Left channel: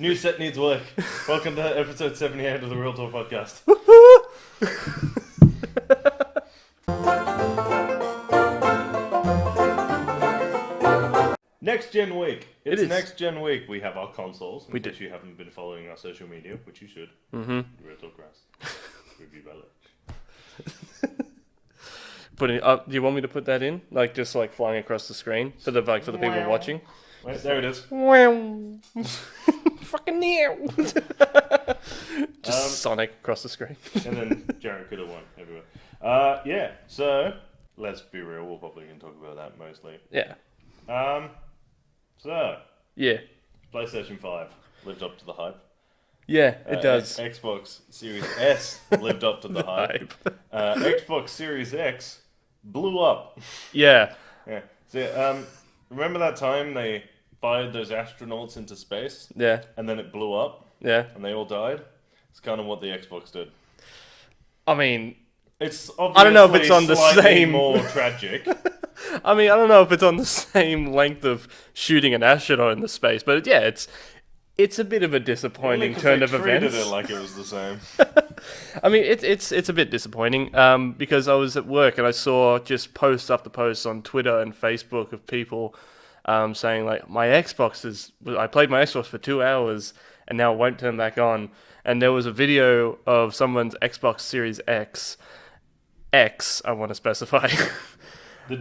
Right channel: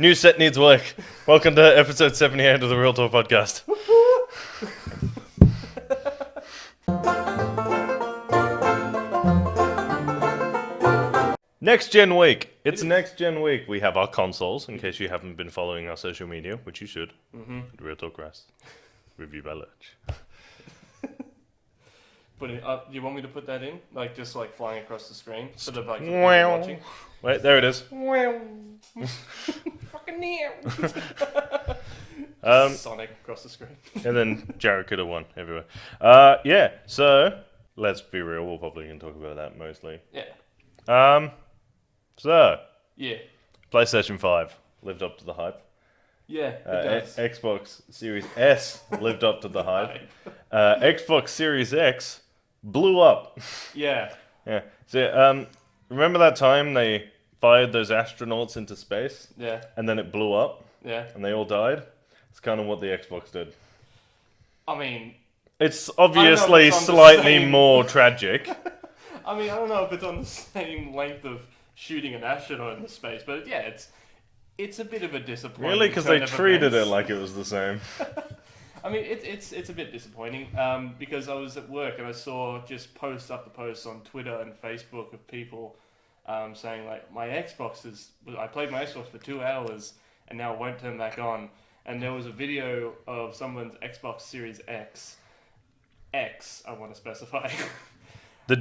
New set needs work. Welcome to episode 78 of the Real Talk Podcast. Next Gen Week. It's Next Gen Week. We have our consoles, in case you haven't been following our social media, which you should. Real Talk Rest. Review by Lurch. Do you want me to put that in? Like, just like flying across the screen for the people watching? Wait, there it is. Fucking near. Sonic across the screen. And then Jared could have won everywhere. Yeah, so let's be real. We're probably going to talk about that mostly. Yeah. Yeah. PlayStation 5 lived up to the hype. Yeah, it does. Xbox Series S lived up to the hype. Xbox Series X blew up. Yeah. Yeah. So, remember that time they fired those astronauts into space? Yeah. And then it blew up? Yeah. And they all died? It's kind of what the Xbox did. I mean, it's obviously slightly more tragic. I mean, I don't know if it's on the same length of shooting an astronaut into space, but yeah, it's a bit of a disappointing turn of events. Because they treated it like it was the same. I mean, it's a bit disappointing because I was at work and I saw just post after post on Twitter and Facebook of people saying like, I played my Xbox for 2 hours and now it won't turn back on. And there was a video of someone's Xbox Series X, I want to specify. The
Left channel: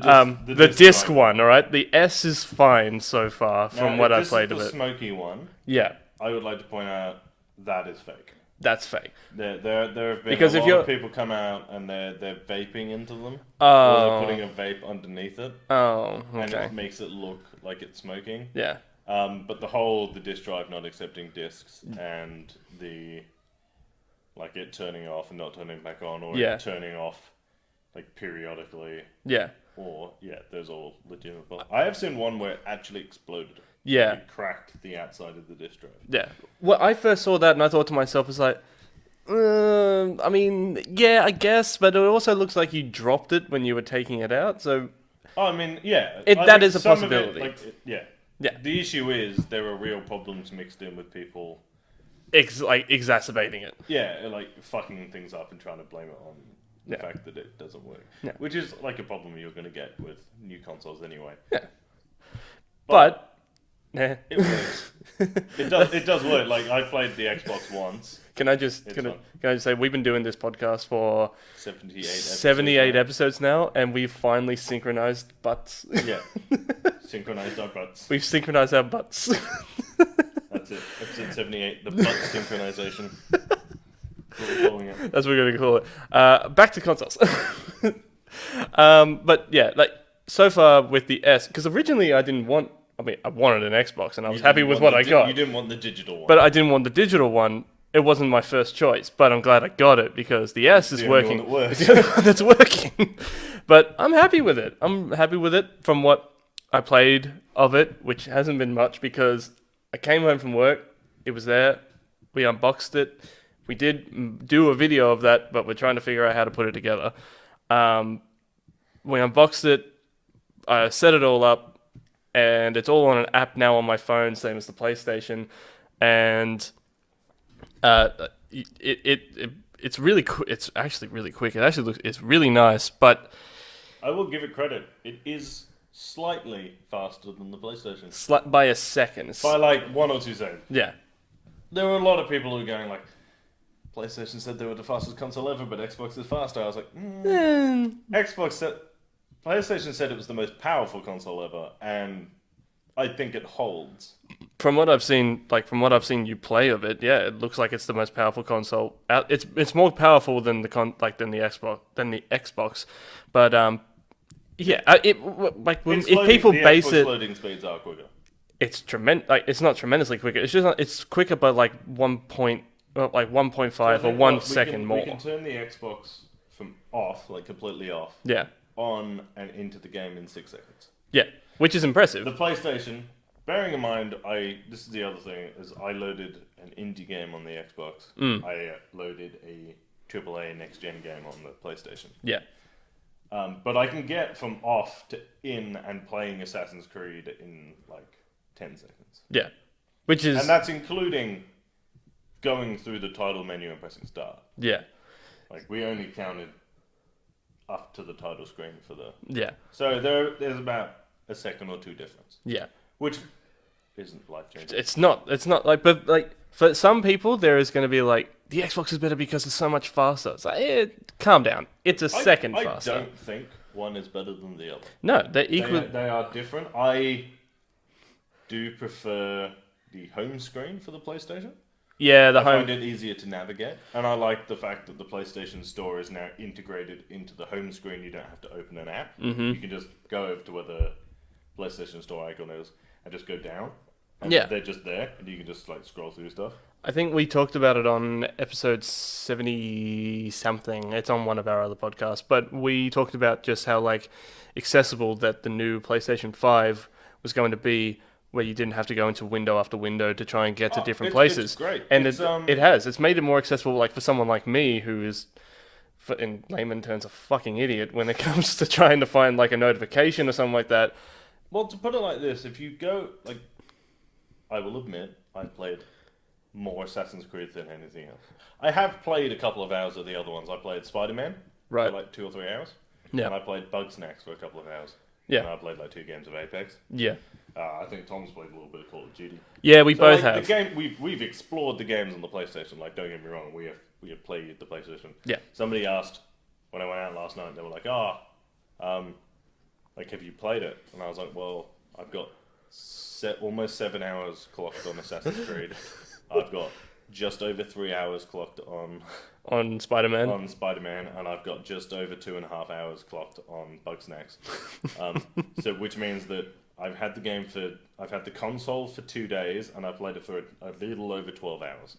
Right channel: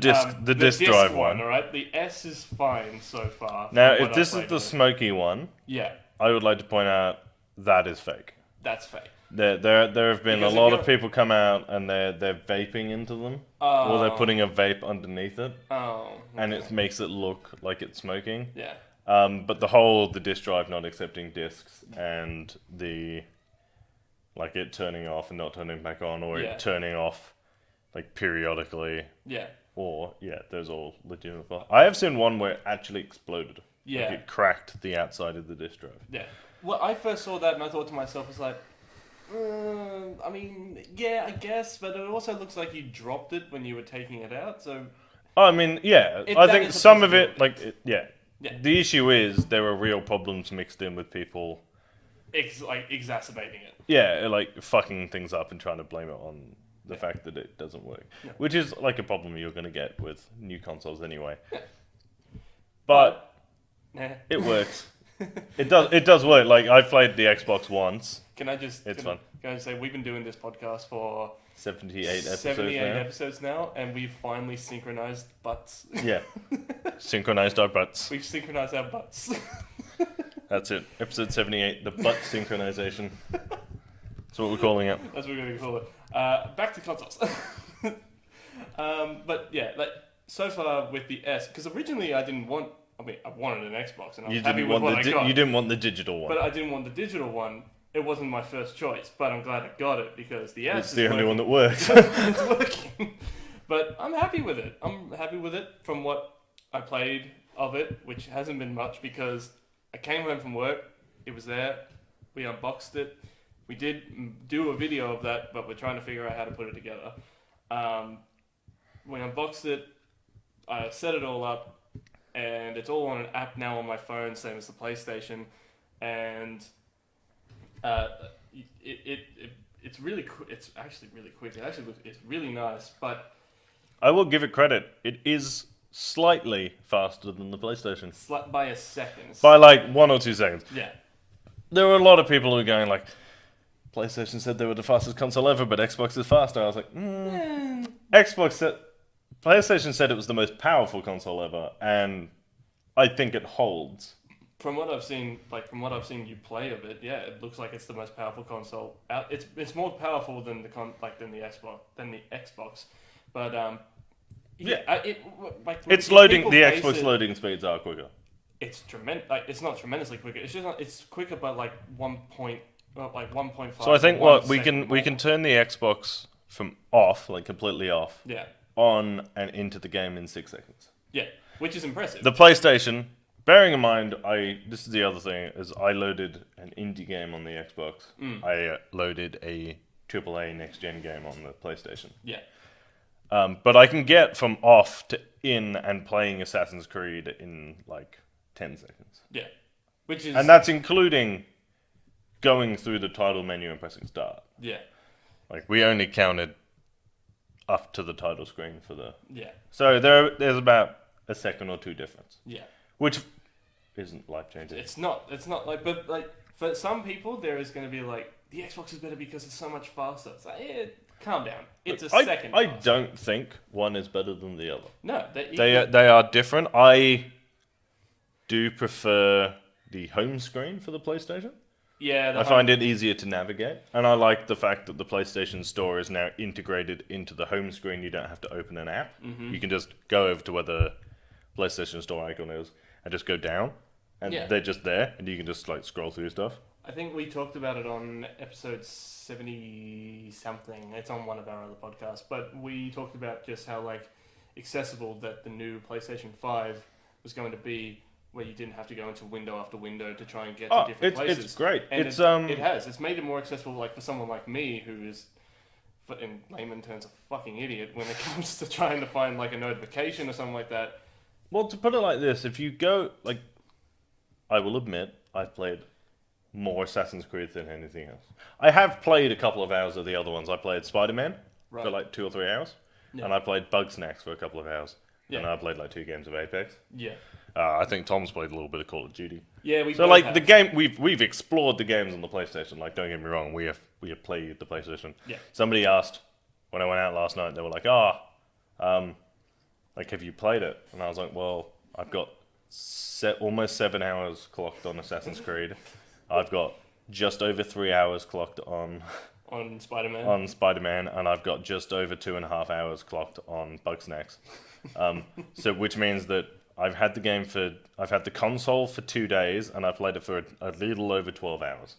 disc one, all right? The S is fine so far from what I've played of it. Now, if this is the smoky one, yeah, I would like to point out that is fake. That's fake. There have been a lot of people come out and they're vaping into them. Oh. Or they're putting a vape underneath it. Oh, okay. And it makes it look like it's smoking. Yeah. But the disk drive not accepting discs and it turning off and not turning back on, or it turning off like periodically. Yeah. Or, those all legitimate. I have seen one where it actually exploded. Yeah. It cracked the outside of the disk drive. Yeah. Well, I first saw that and I thought to myself, it's like, I mean, yeah, I guess, but it also looks like you dropped it when you were taking it out, so... I mean, yeah. That is a some possibility. of it, yeah. The issue is there are real problems mixed in with people... exacerbating it. Yeah, like fucking things up and trying to blame it on... the fact that it doesn't work. Yeah. Which is like a problem you're going to get with new consoles anyway. Yeah. But it works. It does work. Like, I played the Xbox once. Can I just say we've been doing this podcast for 78 episodes now, and we've finally synchronized butts. Yeah. Synchronized our butts. We've synchronized our butts. That's it. Episode 78, the butt synchronization. That's what we're calling it. That's what we're going to call it. Back to consoles. But yeah, like so far with the S, because originally I wanted an Xbox and I was happy with what I got. You didn't want the digital one. But I didn't want the digital one. It wasn't my first choice, but I'm glad I got it because the S is working. The only one that works. It's working. But I'm happy with it. I'm happy with it from what I played of it, which hasn't been much because I came home from work. It was there. We unboxed it. We did do a video of that, but we're trying to figure out how to put it together. We unboxed it, I set it all up, and it's all on an app now on my phone, same as the PlayStation. And it's really it's actually really quick. It actually it's really nice, but I will give it credit. It is slightly faster than the PlayStation. By a second. By like 1 or 2 seconds. Yeah. There were a lot of people who were going like, PlayStation said they were the fastest console ever, but Xbox is faster. I was like, PlayStation said it was the most powerful console ever, and I think it holds. From what I've seen, you play of it, yeah, it looks like it's the most powerful console out. It's more powerful than the Xbox, but Xbox loading speeds are quicker. It's tremendous. Like, it's not tremendously quicker. It's just it's quicker by like 1.5. So I think we can turn the Xbox from off, like completely off, on and into the game in 6 seconds. Yeah, which is impressive. The PlayStation, bearing in mind, this is the other thing, is I loaded an indie game on the Xbox. I loaded a AAA next-gen game on the PlayStation. Yeah. But I can get from off to in and playing Assassin's Creed in like 10 seconds. Yeah. And that's including going through the title menu and pressing start. Yeah. Like, we only counted up to the title screen for the... Yeah. So there's about a second or two difference. Yeah. Which isn't life-changing. It's not like, but like, for some people, there is going to be like, the Xbox is better because it's so much faster. It's like, calm down. It's a second faster. I don't think one is better than the other. No, they're equal. They are different. I do prefer the home screen for the PlayStation. Yeah, I find it easier to navigate, and I like the fact that the PlayStation Store is now integrated into the home screen. You don't have to open an app. Mm-hmm. You can just go over to where the PlayStation Store icon is and just go down. And they're just there, and you can just like scroll through stuff. I think we talked about it on episode 70 something. It's on one of our other podcasts, but we talked about just how like accessible that the new PlayStation 5 was going to be, where you didn't have to go into window after window to try and get to different places. It's great. And it's made it more accessible, like for someone like me who is, in layman terms, a fucking idiot when it comes to trying to find like a notification or something like that. Well, to put it like this, if you go, like, I will admit, I've played more Assassin's Creed than anything else. I have played a couple of hours of the other ones. I played Spider-Man for like 2 or 3 hours. Yeah. And I played Bugsnax for a couple of hours. Yeah. And I played like 2 games of Apex. Yeah. I think Tom's played a little bit of Call of Duty. Yeah, we both have. The game, we've explored the games on the PlayStation. Like, don't get me wrong, we have played the PlayStation. Yeah. Somebody asked when I went out last night. They were like, like, have you played it? And I was like, well, I've got almost 7 hours clocked on Assassin's Creed. I've got just over 3 hours clocked on Spider-Man, and I've got just over 2.5 hours clocked on Bugsnax. So which means that I've had the console for 2 days, and I've played it for a little over 12 hours.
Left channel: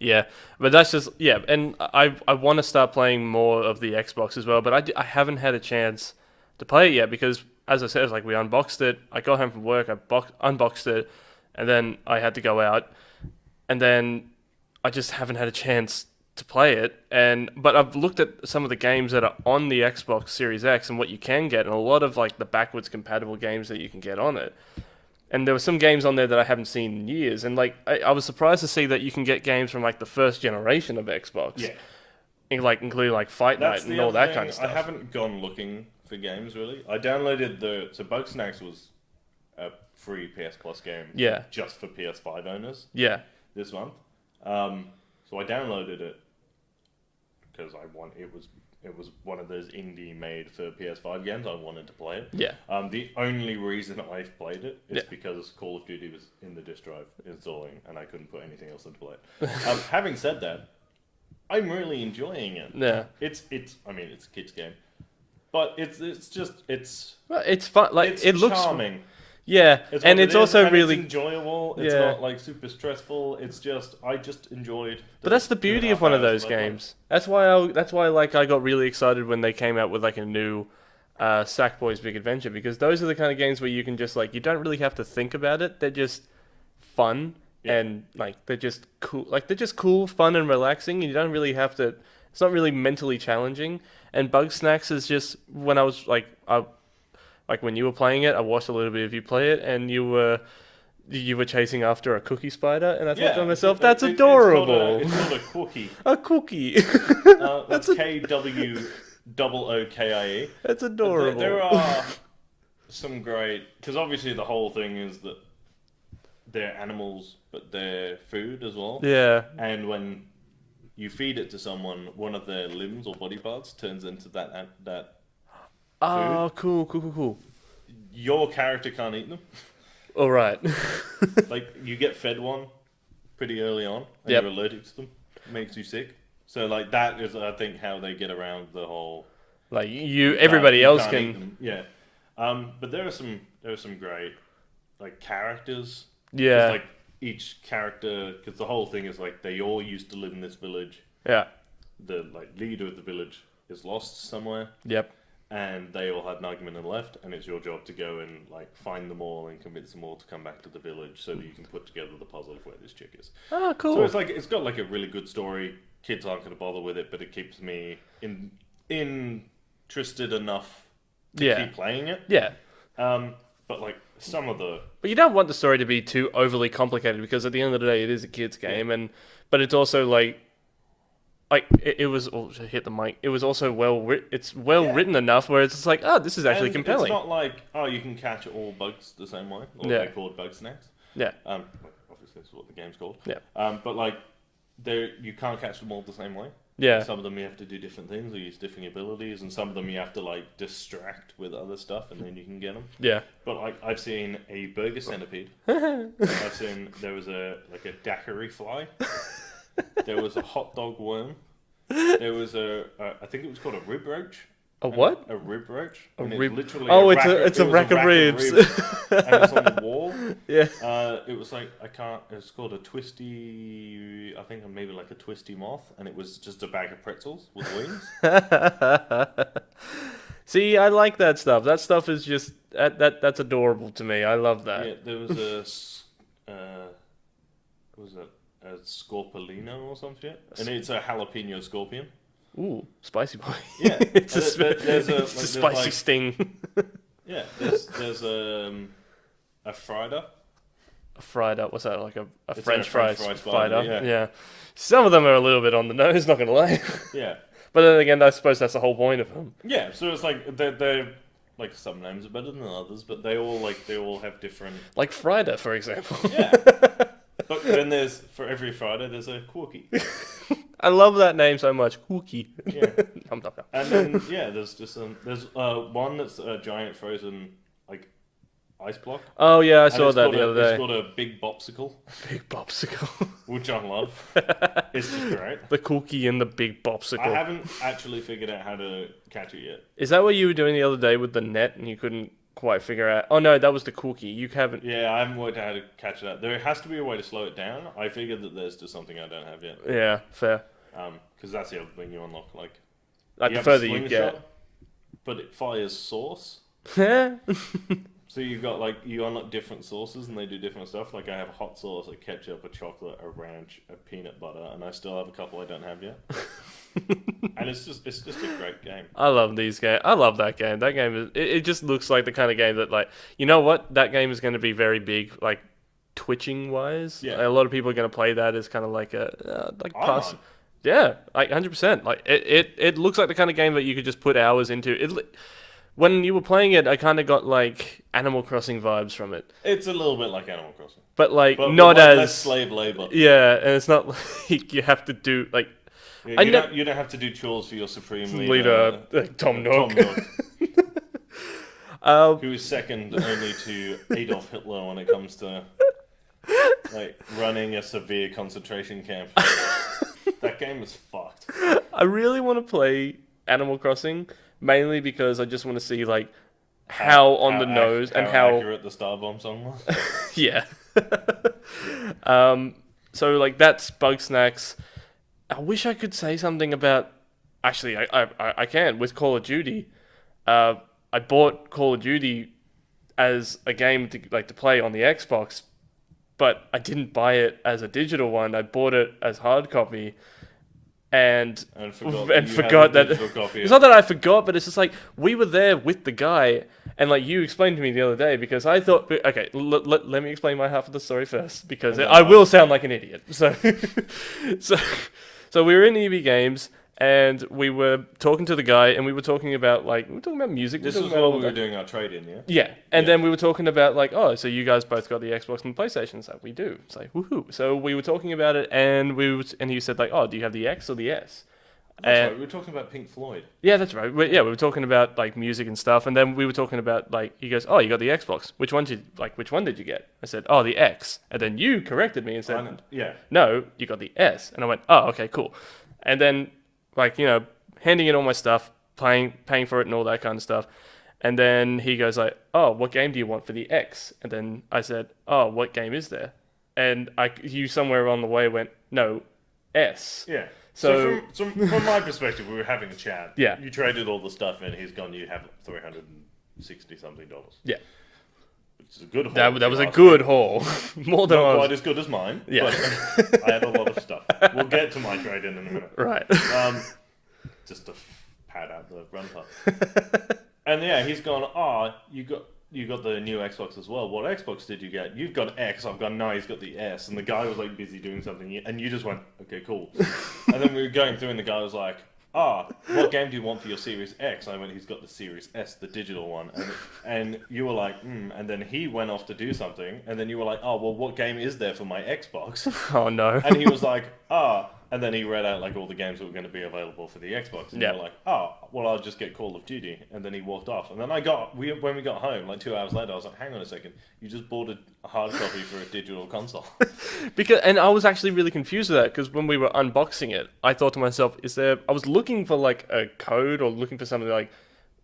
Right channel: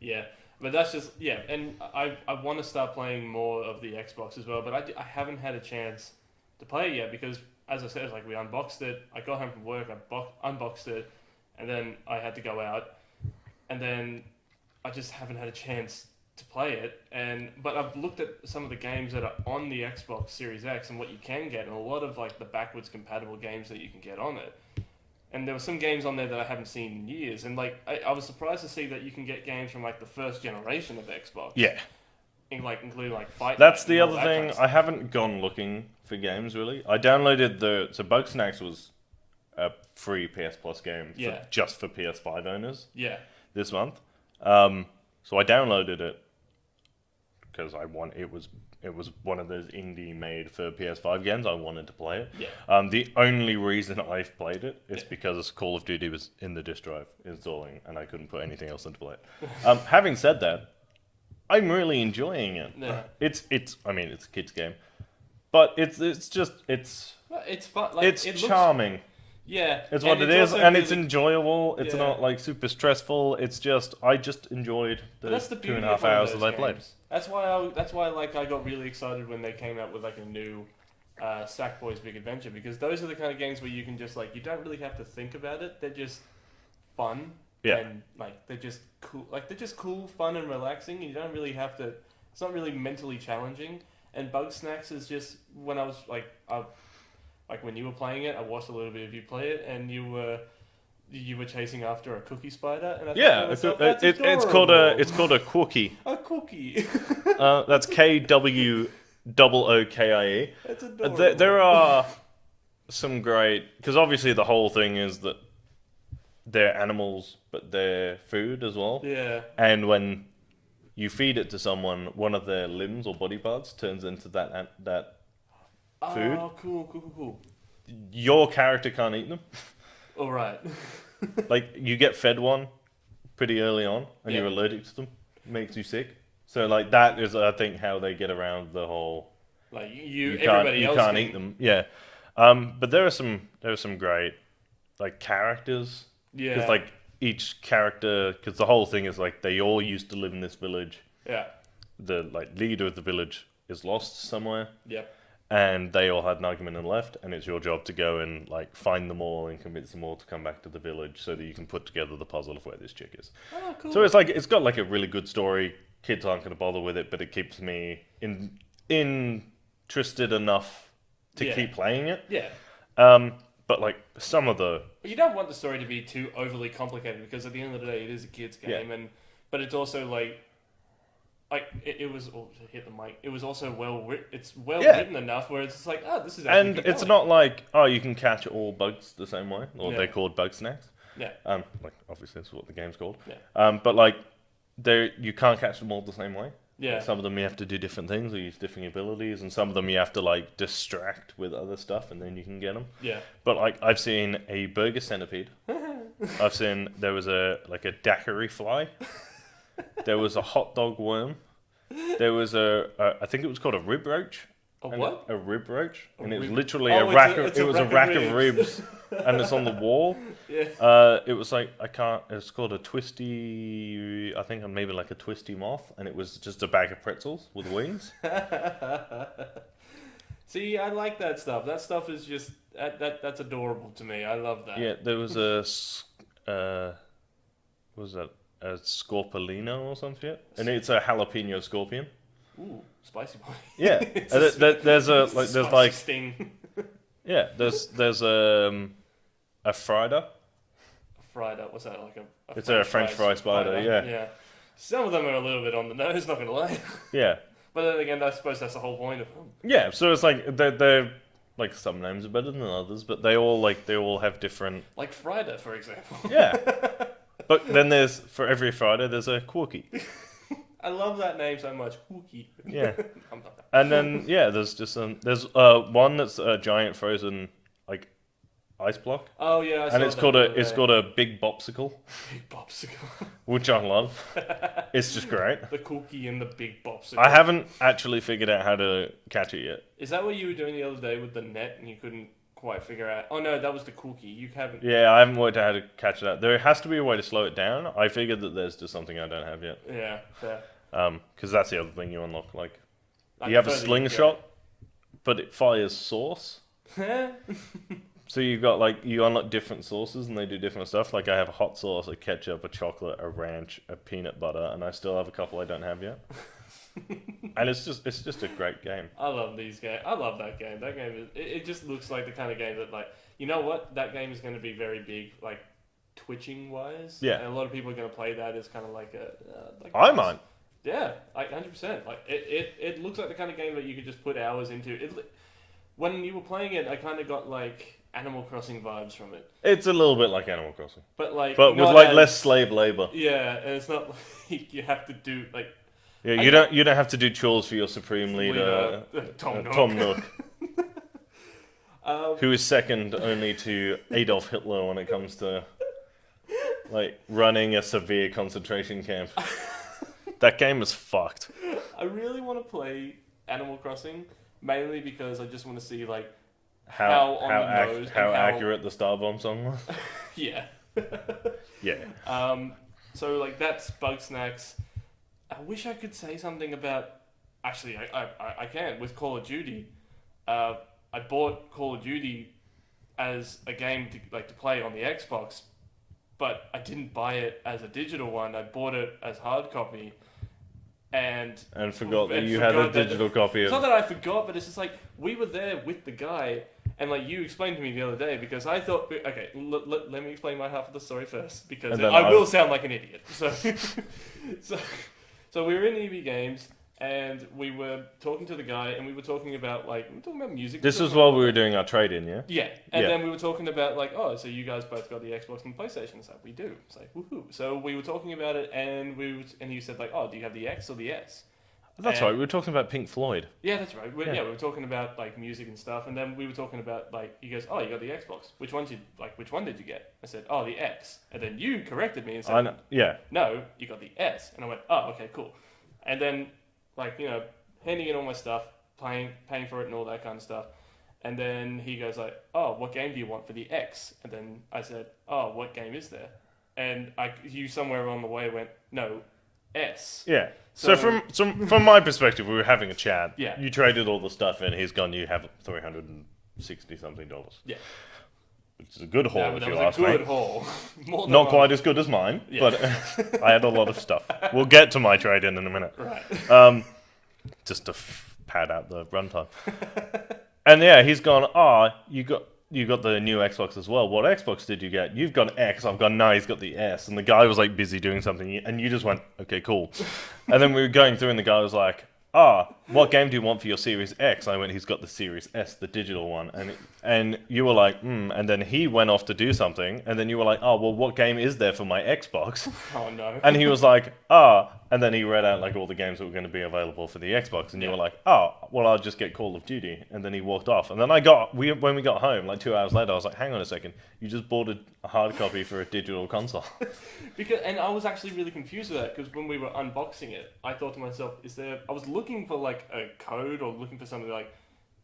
Yeah, but that's just and I want to start playing more of the Xbox as well, but I haven't had a chance to play it yet because, as I said, it's like we unboxed it. I got home from work, I unboxed it, and then I had to go out, and then I just haven't had a chance to play it. But I've looked at some of the games that are on the Xbox Series X and what you can get, and a lot of like the backwards compatible games that you can get on it. And there were some games on there that I haven't seen in years, and like I was surprised to see that you can get games from like the first generation of Xbox. Yeah. Including like Fight That's Night and all the other that thing. kind of stuff. I haven't gone looking for games really. I downloaded Bugsnax was a free PS Plus game. Yeah. Just for PS5 owners. Yeah. This month. So I downloaded it because it was one of those indie made for PS5 games. I wanted to play it. Yeah. The only reason I've played it is because Call of Duty was in the disk drive installing, and I couldn't put anything else into play it. Having said that, I'm really enjoying it. Yeah. It's a kids game, but it's fun. Like it's it looks charming. Yeah, and it's also really it's enjoyable. It's not like super stressful. I just enjoyed. But that's the beauty of one of those games. That's why I got really excited when they came out with like a new Sackboy's Big Adventure, because those are the kind of games where you can just like, you don't really have to think about it. They're just fun and like they're just cool. Like they're just cool, fun, and relaxing. And you don't really have to. It's not really mentally challenging. And Bugsnax is just when I was like when you were playing it, I watched a little bit of you play it, and you were chasing after a cookie spider, and I thought to myself, that's adorable. It's called a Quookie. A cookie. That's KWOOKIE. That's adorable. There are some great, because obviously the whole thing is that they're animals, but they're food as well. Yeah. And when you feed it to someone, one of their limbs or body parts turns into that. Oh, cool. Your character can't eat them. All right. Like, you get fed one pretty early on, and you're allergic to them. It makes you sick. So, like, that is, I think, how they get around the whole... Like, everybody else can... eat them. Yeah. But there are some great, like, characters. Yeah. 'Cause, like, each character... Because the whole thing is, like, they all used to live in this village. Yeah. The, like, leader of the village is lost somewhere. Yep. And they all had an argument and left, and it's your job to go and like find them all and convince them all to come back to the village so that you can put together the puzzle of where this chick is. Oh, cool. So it's got like a really good story. Kids aren't going to bother with it, but it keeps me interested enough to keep playing it. Yeah. But like some of the But you don't want the story to be too overly complicated because at the end of the day, it is a kids game, but it's also like it was. Oh, hit the mic. It was also it's well written enough where it's just like, oh, this is actually compelling. It's not like you can catch all bugs the same way, or they're called bug snacks. Yeah. Like obviously that's what the game's called. Yeah. But like you can't catch them all the same way. Yeah. Some of them you have to do different things or use different abilities, and some of them you have to like distract with other stuff, and then you can get them. Yeah. But like I've seen a burger centipede. I've seen there was a daiquiri fly. There was a hot dog worm. There was I think it was called a rib roach. A what? A rib roach. And it's literally it's a rack of ribs. And it's on the wall. Yeah. It was like it's called a twisty. I think maybe like a twisty moth, and it was just a bag of pretzels with wings. See, I like that stuff. That stuff is just that's adorable to me. I love that. Yeah, there was what was that? A scorpolino or something, and it's a jalapeno scorpion. Ooh, spicy boy. Yeah, there's a spicy sting. Yeah, there's a Frida. A Frida, what's that? Like a It's French fry spider. Yeah. Yeah. Some of them are a little bit on the nose, not gonna lie. Yeah. But then again, I suppose that's the whole point of them. Yeah, so it's like they're like some names are better than others, but they all have different. Like Frida, for example. Yeah. But then for every Friday there's a Quirky. I love that name so much. Cookie. Yeah. And then there's one that's a giant frozen like ice block. Oh yeah, I saw that. It's called a big bopsicle. Big bopsicle. Which I love. It's just great. The cookie and the big bopsicle. I haven't actually figured out how to catch it yet. Is that what you were doing the other day with the net and you couldn't quite figure out? Oh no, that was the cookie. You haven't. Yeah, I haven't worked out how to catch it out. There has to be a way to slow it down. I figured that there's just something I don't have yet. Yeah, fair. Because that's the other thing you unlock. Like you have a slingshot, but it fires sauce. So you've got you unlock different sauces and they do different stuff. Like I have a hot sauce, a ketchup, a chocolate, a ranch, a peanut butter, and I still have a couple I don't have yet. And it's just a great game. I love these games. I love that game. That game is. It just looks like the kind of game that you know what, that game is going to be very big twitching wise. Yeah. A lot of people are going to play that as kind of like a I might. Yeah, 100%. It looks like the kind of game that you could just put hours into. When you were playing it, I kind of got Animal Crossing vibes from it. It's a little bit like Animal Crossing, but not with less slave labor. Yeah, and it's not like you have to do Yeah, you don't have to do chores for your supreme leader Tom Nook. Who is second only to Adolf Hitler when it comes to running a severe concentration camp. That game is fucked. I really want to play Animal Crossing, mainly because I just want to see how on the nose and how accurate the Star Bomb song was. Yeah. Yeah. So that's Bug Snacks. I wish I could say something about. Actually, I can with Call of Duty. I bought Call of Duty as a game to play on the Xbox, but I didn't buy it as a digital one. I bought it as hard copy, and forgot that digital copy. It's not that I forgot, but it's just we were there with the guy, and you explained to me the other day because I thought, okay, let me explain my half of the story first because I will sound like an idiot. So we were in EB Games. And we were talking to the guy, and we were talking about music. This was while we were doing our trade-in, yeah. Yeah, and then we were talking about oh, so you guys both got the Xbox and the PlayStation? It's we do. It's woohoo! So we were talking about it, and he said oh, do you have the X or the S? That's right. We were talking about Pink Floyd. Yeah, that's right. We were talking about music and stuff, and then we were talking about he goes, oh, you got the Xbox. Which one did you get? I said, oh, the X, and then you corrected me and said, no, you got the S, and I went, oh, okay, cool, and then. Handing in all my stuff, paying for it and all that kind of stuff. And then he goes oh, what game do you want for the X? And then I said, oh, what game is there? And you somewhere along the way went, no, S. Yeah. So from my perspective, we were having a chat. Yeah. You traded all the stuff in, he's gone, you have $360 something. Yeah. Which is a good haul. That was a good haul. More than not quite as good as mine. Yeah. But I had a lot of stuff. We'll get to my trade-in in a minute. Right. Just to pad out the runtime. And yeah, he's gone, you got you got the new Xbox as well. What Xbox did you get? You've got X. I've gone, no, he's got the S. And the guy was like busy doing something, and you just went, okay, cool. And then we were going through, and the guy was like, what game do you want for your Series X? I went, he's got the Series S, the digital one. And you were like, And then he went off to do something. And then you were like, oh, well, what game is there for my Xbox? Oh, no. And he was like, And then he read out like all the games that were going to be available for the Xbox. And you were like, well, I'll just get Call of Duty. And then he walked off. And then when we got home, like 2 hours later, I was like, hang on a second. You just bought a hard copy for a digital console. And I was actually really confused with that because when we were unboxing it, I thought to myself, I was looking for like a code or looking for something like,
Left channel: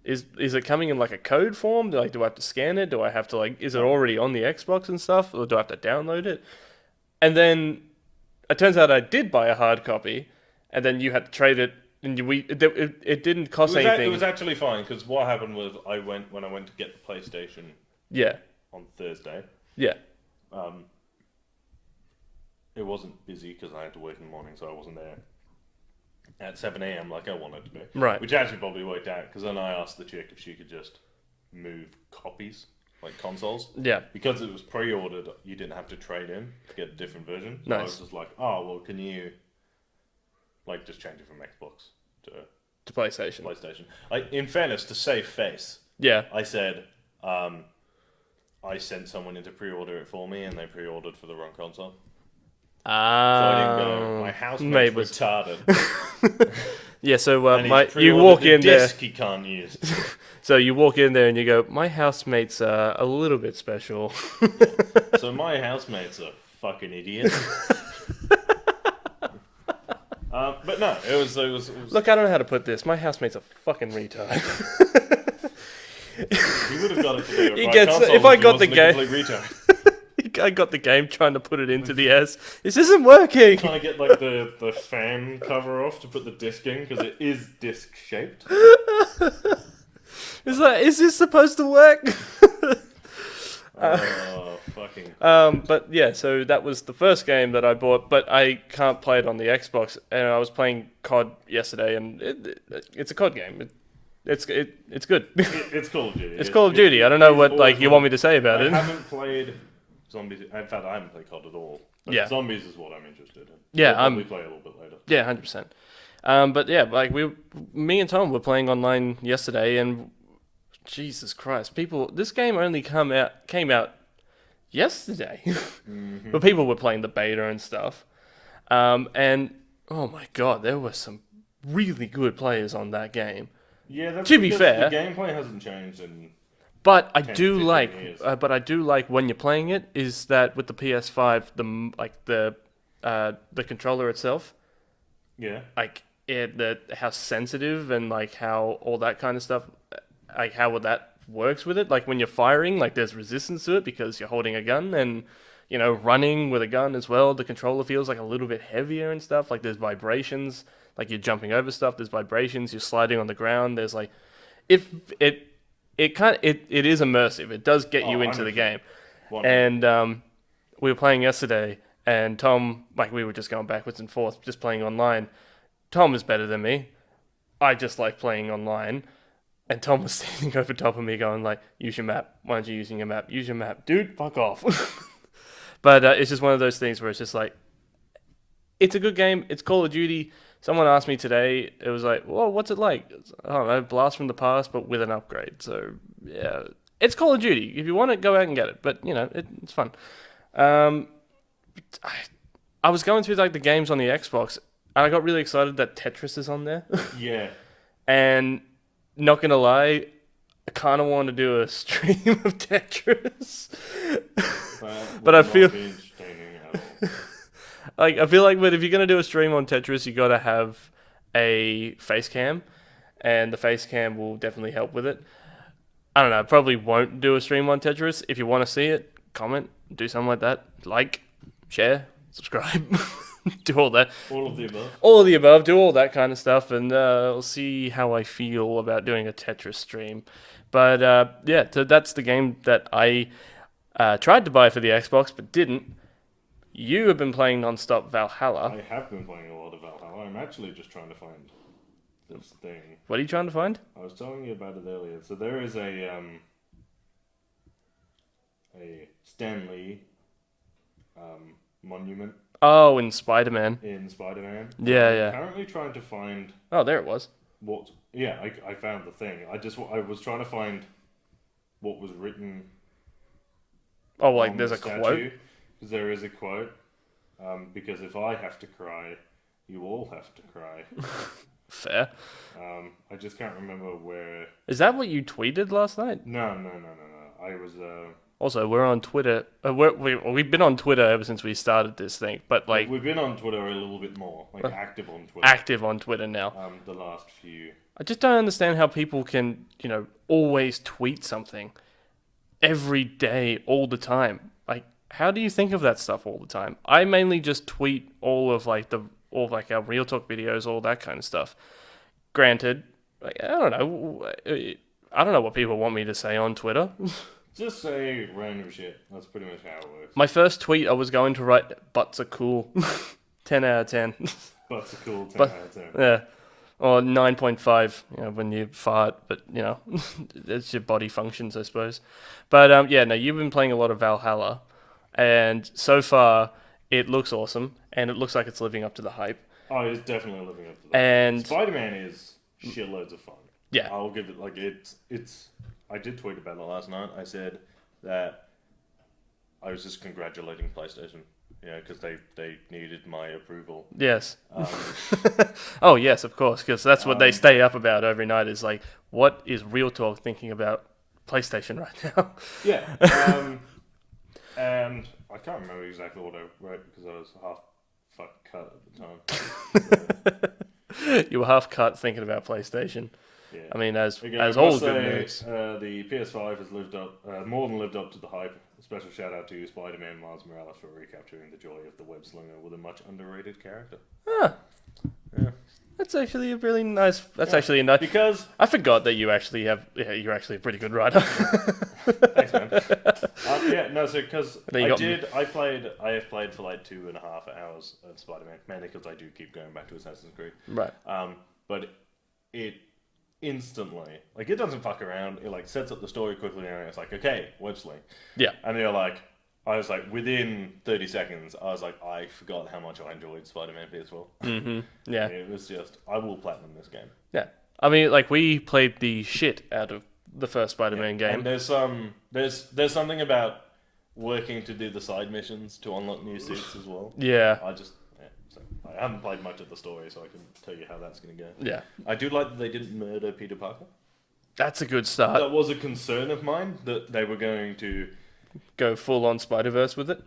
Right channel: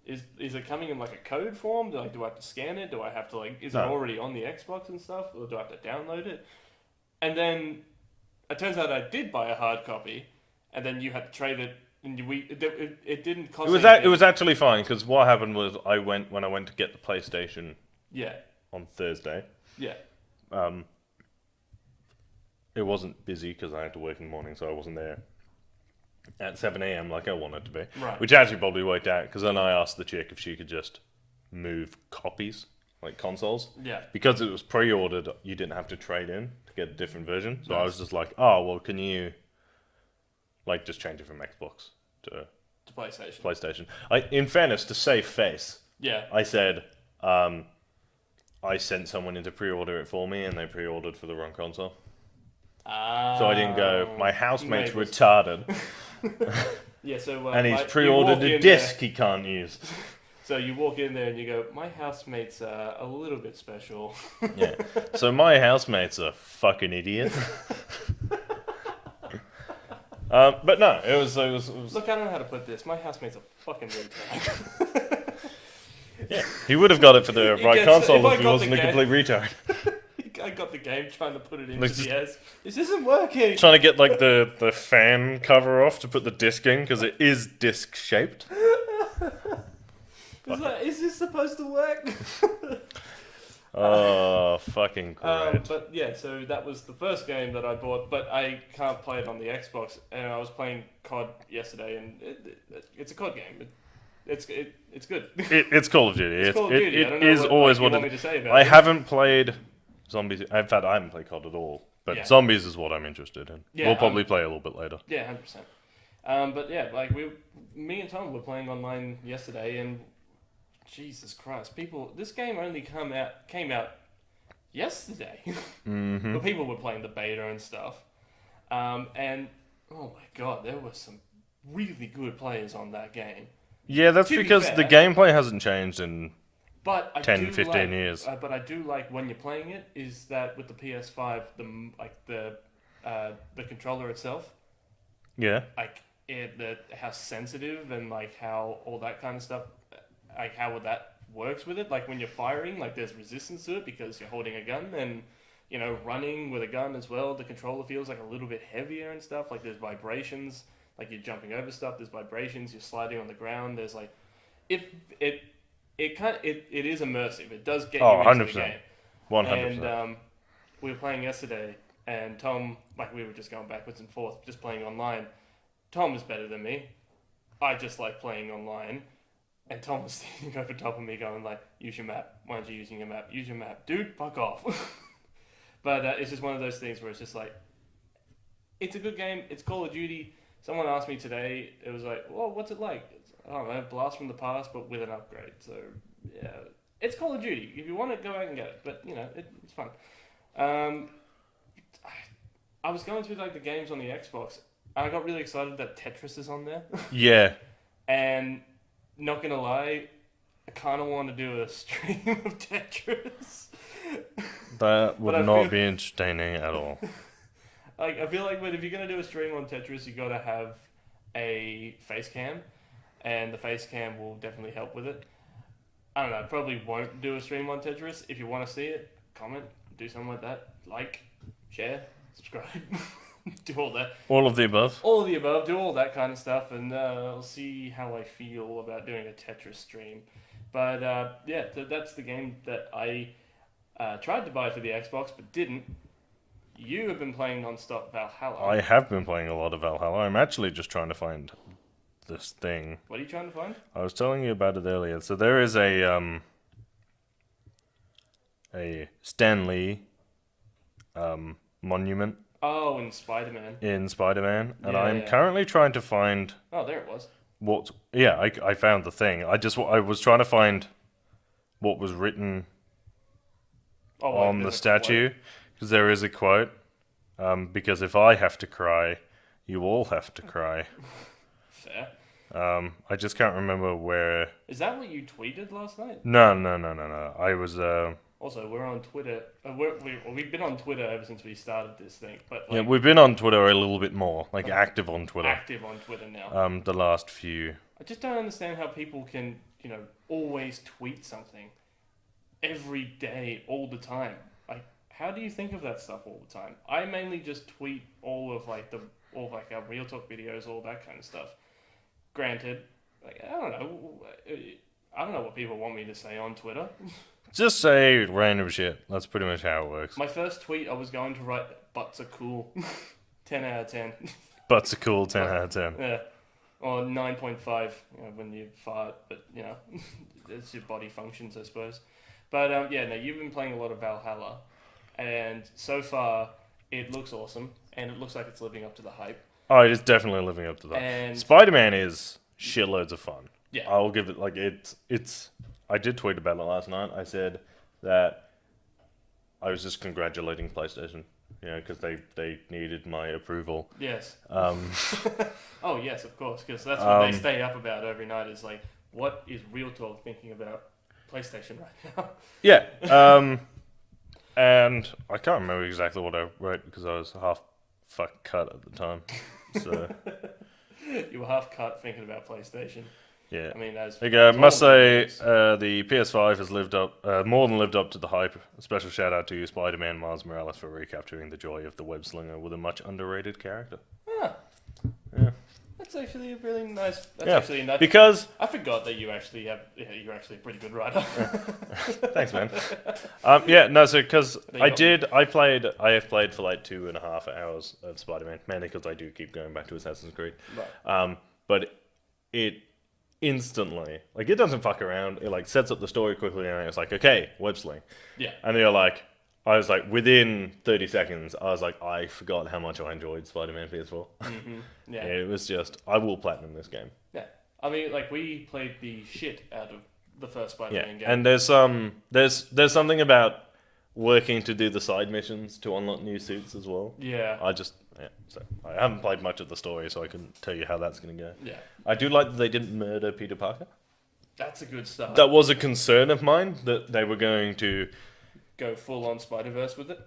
is it coming in like a code form? Do I have to scan it? Do I have to is it already on the Xbox and stuff? Or do I have to download it? And then it turns out I did buy a hard copy, and then you had to trade it, and it didn't cost anything. It was actually fine because what happened was when I went to get the PlayStation. Yeah. On Thursday. Yeah. It wasn't busy because I had to work in the morning, so I wasn't there at 7 a.m. like I wanted to be. Right. Which actually probably worked out because then I asked the chick if she could just move copies, like consoles. Yeah. Because it was pre-ordered, you didn't have to trade in to get a different version. So Nice. I was just like, oh, well, can you like just change it from Xbox to PlayStation. In fairness, to save face, Yeah. I said, I sent someone in to pre-order it for me, and they pre-ordered for the wrong console. So I didn't go, my housemate's retarded. Yeah, so and you walk in disc there. he can't use. So you walk in there and you go, my housemate's a little bit special. Yeah. So my housemate's a fucking idiot. But no, it was. Look, I don't know how to put this. My housemate's a fucking retard. He would have got it for the right console if I got wasn't the a game. complete retard. I got the game trying to put it into the S. This isn't working. Trying to get like the fan cover off to put the disc in because it is disc shaped. Is this supposed to work? Oh, fucking great. But yeah, so that was the first game that I bought, but I can't play it on the Xbox. And I was playing COD yesterday, and it's a COD game. It's good. It's Call of Duty. It's Call of Duty. I don't know what you want me to say about it. I haven't played Zombies. In fact, I haven't played COD at all. But Yeah. Zombies is what I'm interested in. Yeah, we'll probably play a little bit later. Yeah, 100%. But yeah, like me and Tom were playing online yesterday, and Jesus Christ, this game only came out yesterday, but people were playing the beta and stuff. And oh my God, there were some really good players on that game. Yeah, that's To be because fair- the gameplay hasn't changed in. But I 10, do 15 like, years. but I do like when you're playing it is that with the PS5, the controller itself, Yeah. like how sensitive and like how all that kind of stuff, like how that works with it. Like when you're firing, like there's resistance to it because you're holding a gun, and running with a gun as well. The controller feels like a little bit heavier and stuff. Like there's vibrations, like you're jumping over stuff. There's vibrations. You're sliding on the ground. There's like, it is immersive. It does get you into the 100%. game. 100%. And we were playing yesterday, and Tom, like we were just going backwards and forth, just playing online. Tom is better than me. I just like playing online. And Tom was standing over top of me going like, use your map. Why aren't you using your map? Use your map. Dude, fuck off. But it's just one of those things where it's just like, it's a good game. It's Call of Duty. Someone asked me today, it was like, well, what's it like? I don't know, Blast from the Past, but with an upgrade. So, yeah, it's Call of Duty. If you want it, go out and get it. But, it's fun. I was going through like the games on the Xbox, and I got really excited that Tetris is on there. Yeah. And not going to lie, I kind of want to do a stream of Tetris. That would But I not feel- be entertaining at all. Like, I feel like, but if you're going to do a stream on Tetris, you got to have a face cam, and the face cam will definitely help with it. I don't know, probably won't do a stream on Tetris. If you want to see it, comment, do something like that. Like, share, subscribe, do all that. All of the above. All of the above, do all that kind of stuff, and we'll see how I feel about doing a Tetris stream. But yeah, so that's the game that I tried to buy for the Xbox, but didn't. You have been playing non-stop Valhalla. I have been playing a lot of Valhalla. I'm actually just trying to find this thing. What are you trying to find? I was telling you about it earlier. So there is a a Stan Lee monument Oh, in Spider-Man. in Spider-Man. And Yeah, I'm yeah. currently trying to find Oh, there it was. what. Yeah, I found the thing. I was trying to find what was written Oh, like on there's the a statue, quote? because there is a quote. Because if I have to cry, you all have to cry. Fair. I just can't remember where. Is that what you tweeted last night? No. I was. Also, we're on Twitter. We've been on Twitter ever since we started this thing, but like We've been on Twitter a little bit more, like active on Twitter. active on Twitter now. The last few. I just don't understand how people can, always tweet something every day, all the time. Like, how do you think of that stuff all the time? I mainly just tweet all of our Real Talk videos, all that kind of stuff. Granted, like, I don't know what people want me to say on Twitter. Just say random shit. That's pretty much how it works. My first tweet, I was going to write, "Butts are cool." 10 out of 10. Butts are cool, 10 out of 10. Yeah. Or 9.5, when you fart, but, it's your body functions, I suppose. But, no, you've been playing a lot of Valhalla, and so far, it looks awesome, and it looks like it's living up to the hype. Oh, it is definitely living up to that. And Spider-Man is shitloads of fun. Yeah. I'll give it, it's... I did tweet about it last night. I said that I was just congratulating PlayStation, because they needed my approval. Yes. Oh, yes, of course, because that's what they stay up about every night is like, what is Real Talk thinking about PlayStation right now? Yeah. And I can't remember exactly what I wrote because I was half fuck cut at the time. So, You were half cut thinking about PlayStation. yeah. I mean, as I as must all say, good nerds. the PS5 has lived up, more than lived up to the hype. A special shout out to you, Spider-Man Miles Morales, for recapturing the joy of the web slinger with a much underrated character. That's actually a really nice. That's Yeah, actually a nice. because I forgot that you actually have. Yeah, you're actually a pretty good writer. thanks, man. So because There you got I have played for like 2.5 hours of Spider-Man, mainly because I do keep going back to Assassin's Creed. Right. But it instantly, like, it doesn't fuck around. It like sets up the story quickly, and it's like, okay, web sling. Yeah. And you're like, I was like, within 30 seconds, I was like, I forgot how much I enjoyed Spider-Man PS4. Mm-hmm. Yeah. It was just, I will platinum this game. Yeah. I mean, like we played the shit out of the first Spider-Man game. And there's something about working to do the side missions to unlock new suits as well. Yeah. So I haven't played much of the story, so I couldn't tell you how that's going to go. Yeah. I do like that they didn't murder Peter Parker. That's a good start. That was a concern of mine, that they were going to Go full on Spider-Verse with it.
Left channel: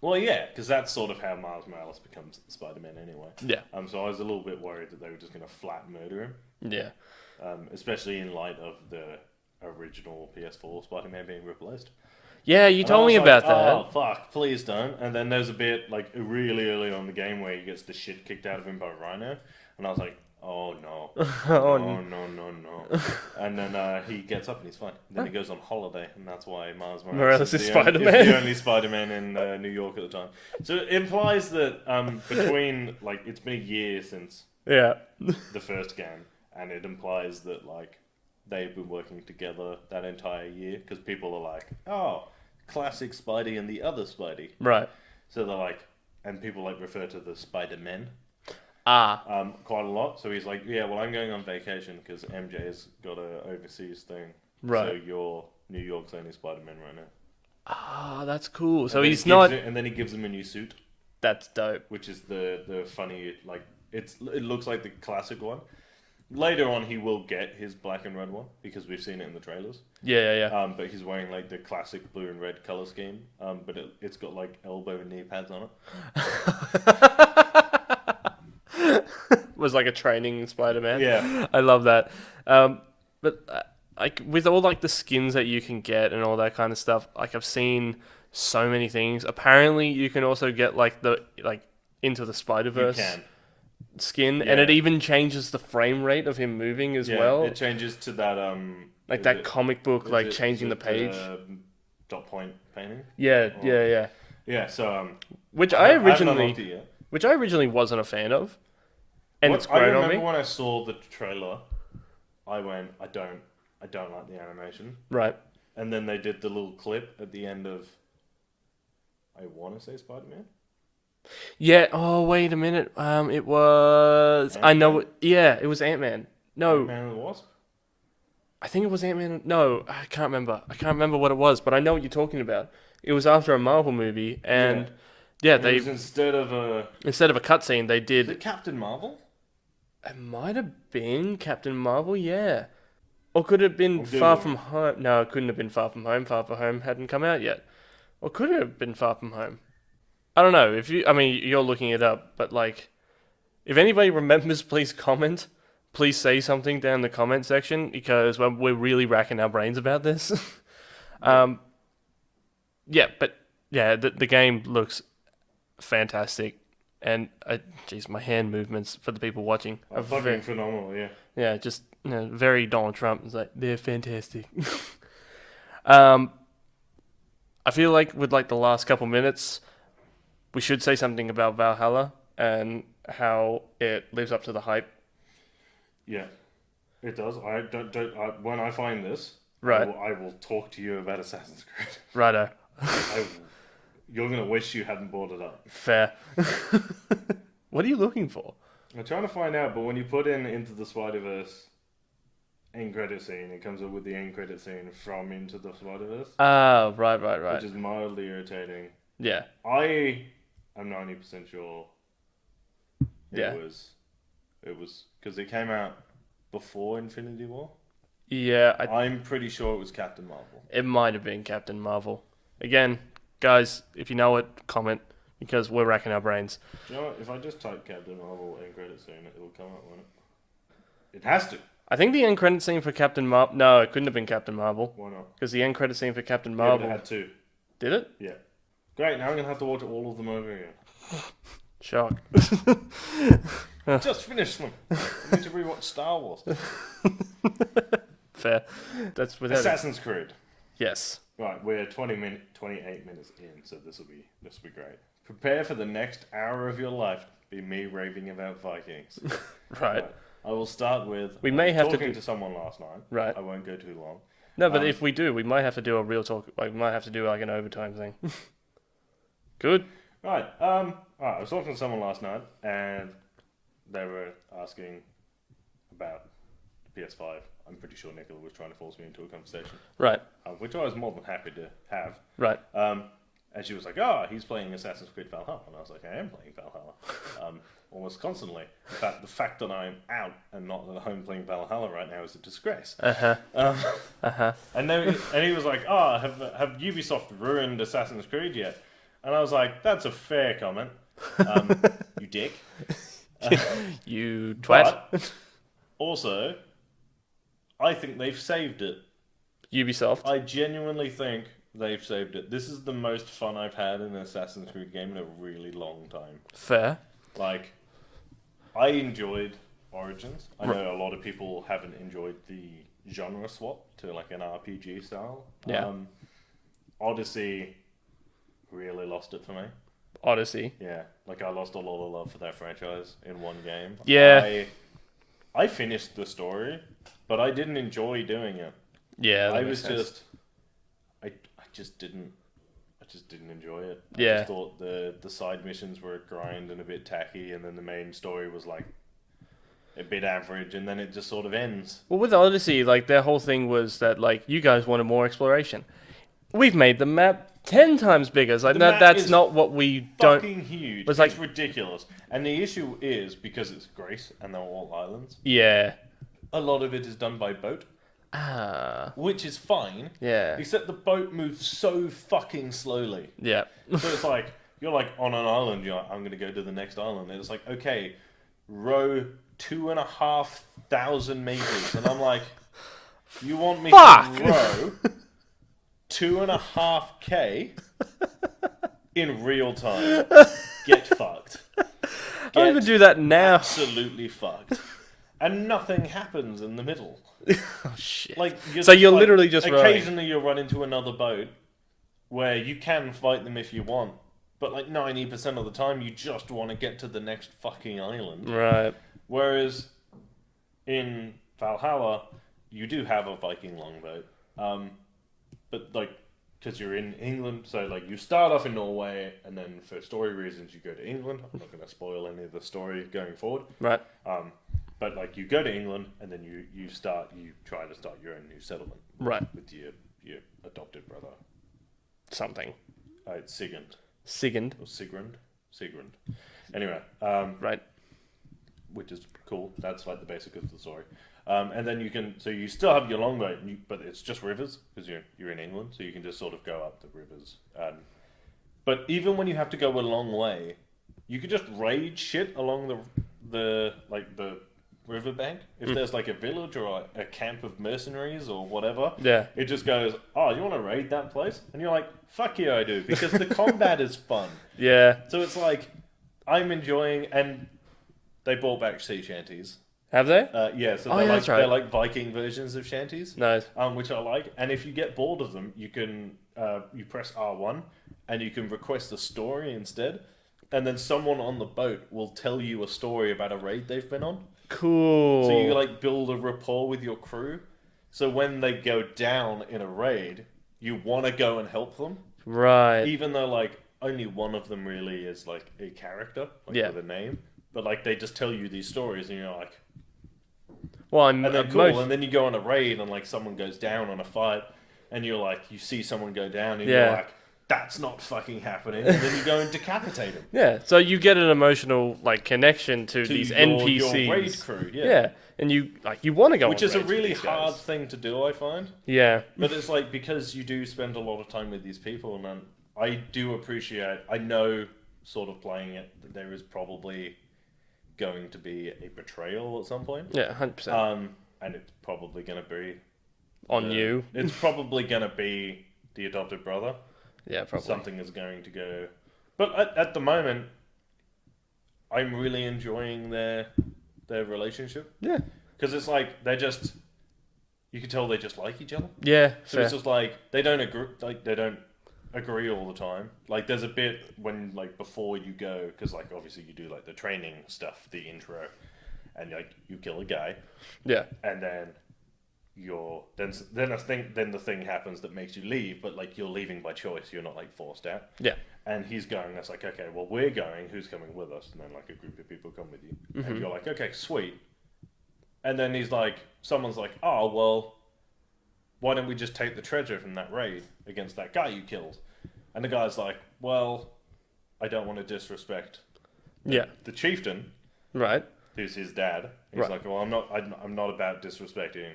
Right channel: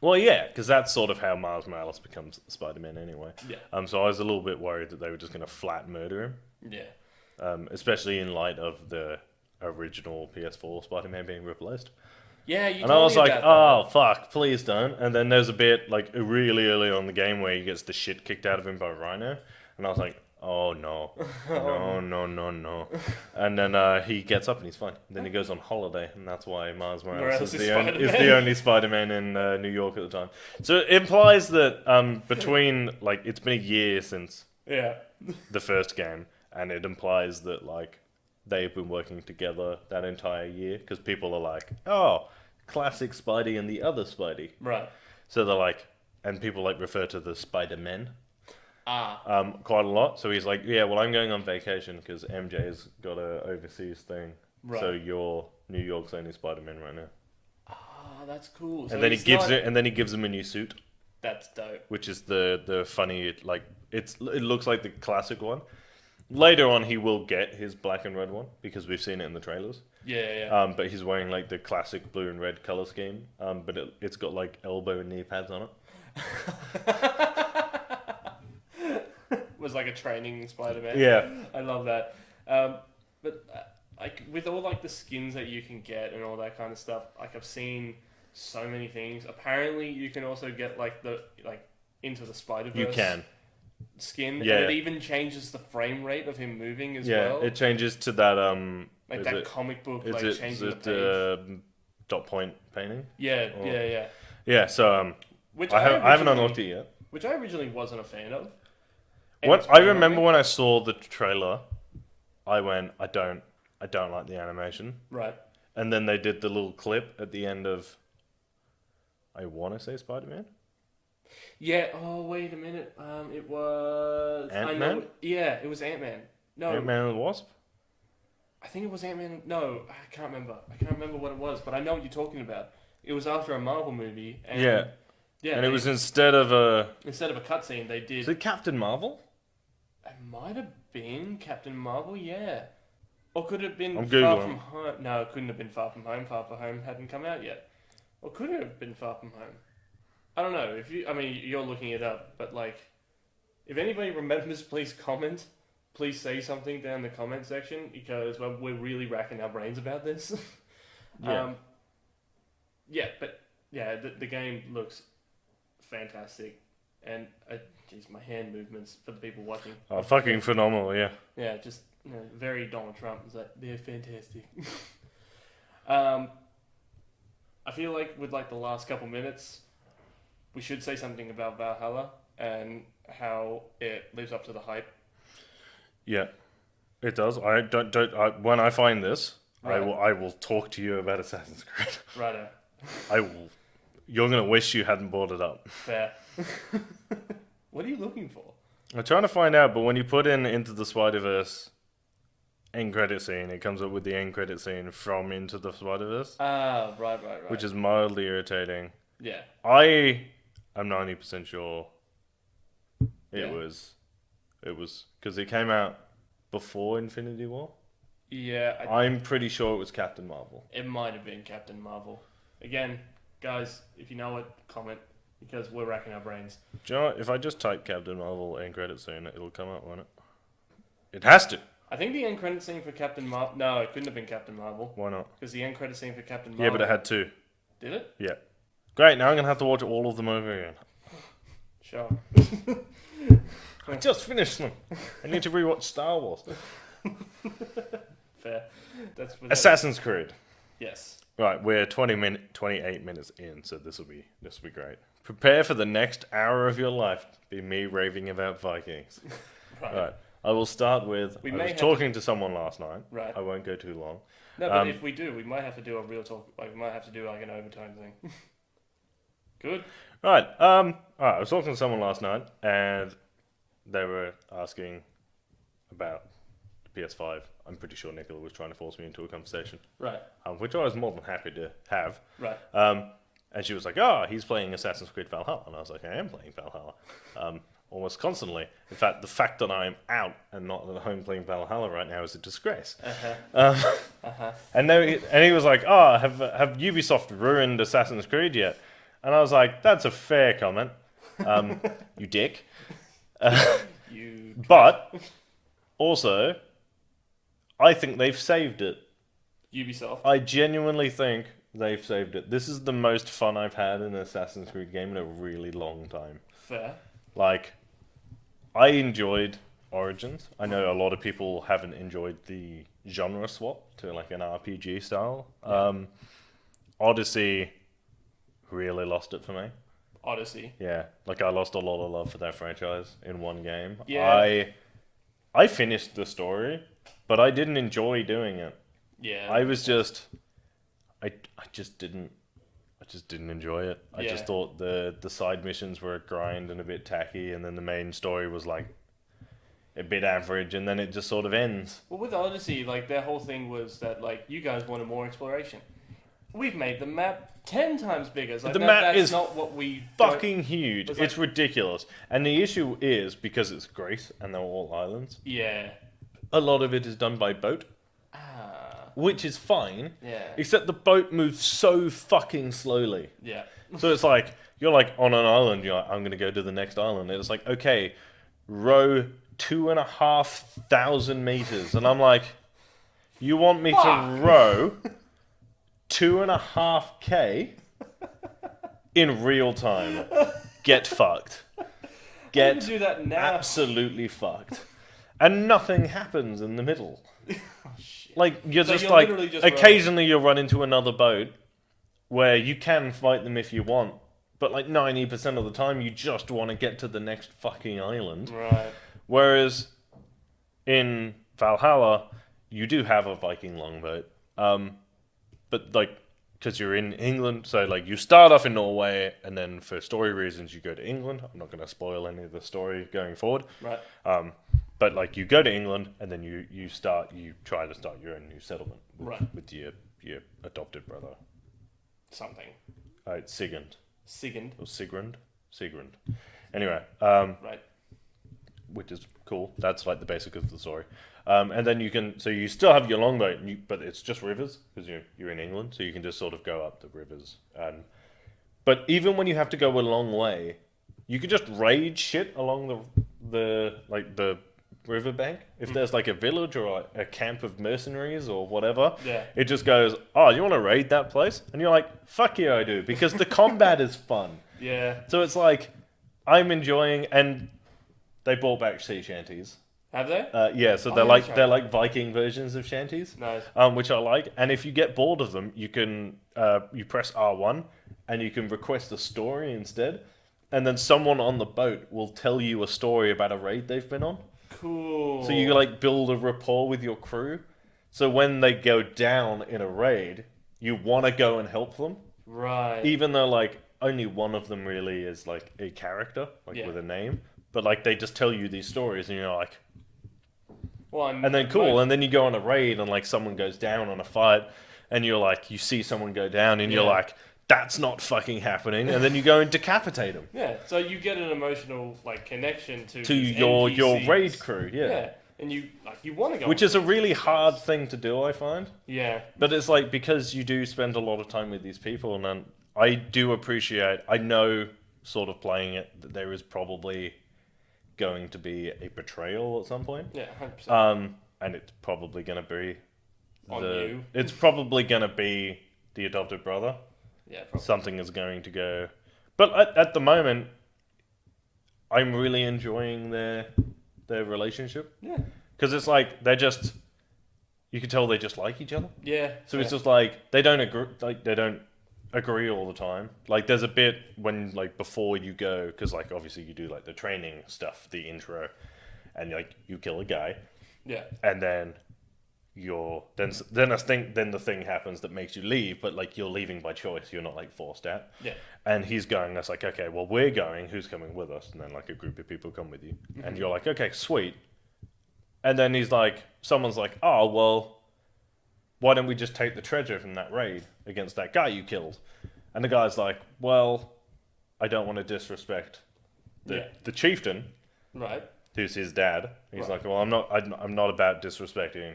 Well, yeah, because that's sort of how Miles Morales becomes Spider-Man anyway. Yeah. So I was a little bit worried that they were just going to flat murder him. Yeah. Especially in light of the original PS4 Spider-Man being replaced. Yeah, you And told me I was about like, that. oh, fuck, please don't. And then there's a bit, like, really early on in the game where he gets the shit kicked out of him by Rhino. And I was like, oh, no. No. And then he gets up and he's fine. Then he goes on holiday, and that's why Miles Morales is the only Spider-Man in New York at the time. So it implies that between, like, it's been a year since Yeah. the first game, and it implies that, like, they've been working together that entire year, because people are like, oh, classic Spidey and the other Spidey. Right. So they're like, and people like refer to the Spider-Men quite a lot. So he's like, yeah, well, I'm going on vacation because MJ's got a overseas thing. Right. So you're New York's only Spider-Man right now. Ah, that's cool. So and then he's he gives not. and then he gives him a new suit, That's dope. which is the funny, like, it looks like the classic one. Later on, he will get his black and red one because we've seen it in the trailers. Yeah. But he's wearing like the classic blue and red color scheme. But it's got like elbow and knee pads on it. Was like a training Spider-Man. Yeah. I love that. But like with all like the skins that you can get and all that kind of stuff, like I've seen so many things. Apparently, you can also get like Into the Spider-Verse. You can. Skin, Yeah. and it even changes the frame rate of him moving as well. It changes to that like that comic book, like changing the page. Dot point painting. Yeah. Yeah. So Which I I haven't originally, unlocked it yet. which I originally wasn't a fan of. And it's I grown on remember me. when I saw the trailer, I went, I don't like the animation. Right. And then they did the little clip at the end of, I want to say Spider-Man? Yeah. Oh, wait a minute. It was. I know. Ant-Man? Yeah, it was Ant-Man. No, Ant-Man and the Wasp? I think it was Ant-Man. No, I can't remember. I can't remember what it was, but I know what you're talking about. It was after a Marvel movie, and yeah, And it was instead of a cutscene, they Is did. it Captain Marvel? It might have been Captain Marvel, yeah. Or could it have been I'm Far Googling. From Home? No, it couldn't have been Far From Home. Far From Home hadn't come out yet. Or could it have been Far From Home? I don't know. I mean, you're looking it up, but like, if anybody remembers, please comment. Please say something down in the comment section because we're really racking our brains about this. Yeah. Yeah, but yeah, the game looks fantastic, and jeez, my hand movements for the people watching are Fucking phenomenal, yeah. yeah, just very Donald Trump. It's like they're fantastic. I feel like with like the last couple minutes, we should say something about Valhalla and how it lives up to the hype. Yeah, it does. I don't. When I find this, Right. I will talk to you about Assassin's Creed. Righto. I will. You're gonna wish you hadn't brought it up. Fair. What are you looking for? I'm trying to find out, but when you put in Into the Spider-Verse end credit scene, it comes up with the end credit scene from Into the Spider-Verse, Ah, right. which is mildly irritating. Yeah. I am 90% sure Yeah. it was because it came out before Infinity War. Yeah, I'm pretty sure it was Captain Marvel. it might have been Captain Marvel. Again, guys, if you know it, comment because we're racking our brains. Do you know what? If I just type Captain Marvel end credit scene, it'll come up, won't it? It has to. I think the end credit scene for Captain Marvel. No, it couldn't have been Captain Marvel Why not? because the end credit scene for Captain Yeah, Marvel. but it had two. Did it? Yeah. Great. Now I'm gonna have to watch all of them over again. Shock. Just finished them. I need to rewatch Star Wars. Fair. That's without. Assassin's Creed. Yes. Right, we're 28 minutes in, so this will be great. Prepare for the next hour of your life to be me raving about Vikings. Right. I will start with. We I may was have to talking to someone last night. Right. I won't go too long. No, but if we do, we might have to do a real talk. Like, we might have to do like an overtime thing. Good. Right. I was talking to someone last night, and they were asking about the PS5. I'm pretty sure Nicola was trying to force me into a conversation, Right. which I was more than happy to have. Right. And she was like, "Oh, he's playing Assassin's Creed Valhalla," and I was like, "I am playing Valhalla, almost constantly. In fact, the fact that I'm out and not at home playing Valhalla right now is a disgrace." And he was like, "Oh, have Ubisoft ruined Assassin's Creed yet?" And I was like, "That's a fair comment, you dick." You twat. But also, I think they've saved it. Ubisoft. I genuinely think they've saved it. This is the most fun I've had in an Assassin's Creed game in a really long time. Fair. Like, I enjoyed Origins. I know a lot of people haven't enjoyed the genre swap to like an RPG style. Yeah. Odyssey really lost it for me. Odyssey. Yeah, like I lost a lot of love for that franchise in one game. Yeah. I finished the story, but I didn't enjoy doing it. Yeah. that I makes was sense. just, I just didn't enjoy it. I Yeah. just thought the side missions were a grind and a bit tacky, and then the main story was like a bit average, and then it just sort of ends. Well, with Odyssey, like their whole thing was that like you guys wanted more exploration. We've made the map 10 times bigger. It's like The map that's is not what we don't. Fucking huge. It's It's like- ridiculous. And the issue is because it's Greece and they're all islands. Yeah. A lot of it is done by boat, Ah. which is fine. Yeah. Except the boat moves so fucking slowly. Yeah. So it's like you're like on an island. You're like, I'm gonna go to the next island. And it's like, okay, row 2,500 meters, and I'm like, you want me Fuck! to row 2.5K in real time? Get fucked. I don't even Get do that now. absolutely fucked. And nothing happens in the middle. Oh shit. Like So you're literally just occasionally you'll run into another boat where you can fight them if you want, but like 90% of the time you just want to get to the next fucking island. Right. Whereas in Valhalla, you do have a Viking longboat. but like because you're in England, so like you start off in Norway, and then for story reasons you go to England. I'm not going to spoil any of the story going forward. Right. But like you go to England, and then you try to start your own new settlement. Right. With your adopted brother. Something. It's Sigurd. Sigurd. Or Sigrund. Sigrund. Anyway. Right. Which is cool. That's like the basic of the story. And then you still have your longboat, but it's just rivers because you're in England, so you can just sort of go up the rivers. But even when you have to go a long way, you can just raid shit along the riverbank. If there's like a village or a camp of mercenaries or whatever, it just goes, oh, you want to raid that place? And you're like, fuck yeah, I do, because the combat is fun. Yeah. So it's like I'm enjoying, and they brought back sea shanties. Have they? Yeah, so they're like Viking versions of shanties. Nice. Which I like. And if you get bored of them, you can you press R1 and you can request a story instead. And then someone on the boat will tell you a story about a raid they've been on. Cool. So you like build a rapport with your crew. So when they go down in a raid, you want to go and help them. Right. Even though like only one of them really is like a character, with a name. But like they just tell you these stories, and you're like, well, and then cool, and then you go on a raid, and like someone goes down on a fight, and you're like, you see someone go down, and you're like, that's not fucking happening, and then you go and decapitate them. Yeah, so you get an emotional like connection to these NPCs. Your raid crew. Yeah, and you want to go, which is a really hard thing to do, I find. Yeah, but it's like because you do spend a lot of time with these people, and then I do appreciate. I know, sort of playing it, that there is probably going to be a betrayal at some point. Yeah, 100%. And it's probably going to be on you. It's probably going to be the adopted brother. Yeah, probably. Something is going to go. But at the moment, I'm really enjoying their relationship. Yeah. Because it's like you can tell they just like each other. Yeah. So fair. It's just like they don't agree all the time. Like there's a bit when like before you go, because like obviously you do like the training stuff, the intro, and like you kill a guy. Yeah. And then then the thing happens that makes you leave, but like you're leaving by choice. You're not like forced out. Yeah. And he's going. That's like, okay, well we're going. Who's coming with us? And then like a group of people come with you, and you're like, okay, sweet. And then someone's like, oh well, why don't we just take the treasure from that raid against that guy you killed? And the guy's like, well, I don't want to disrespect the chieftain, right? Who's his dad. He's like, well, I'm not about disrespecting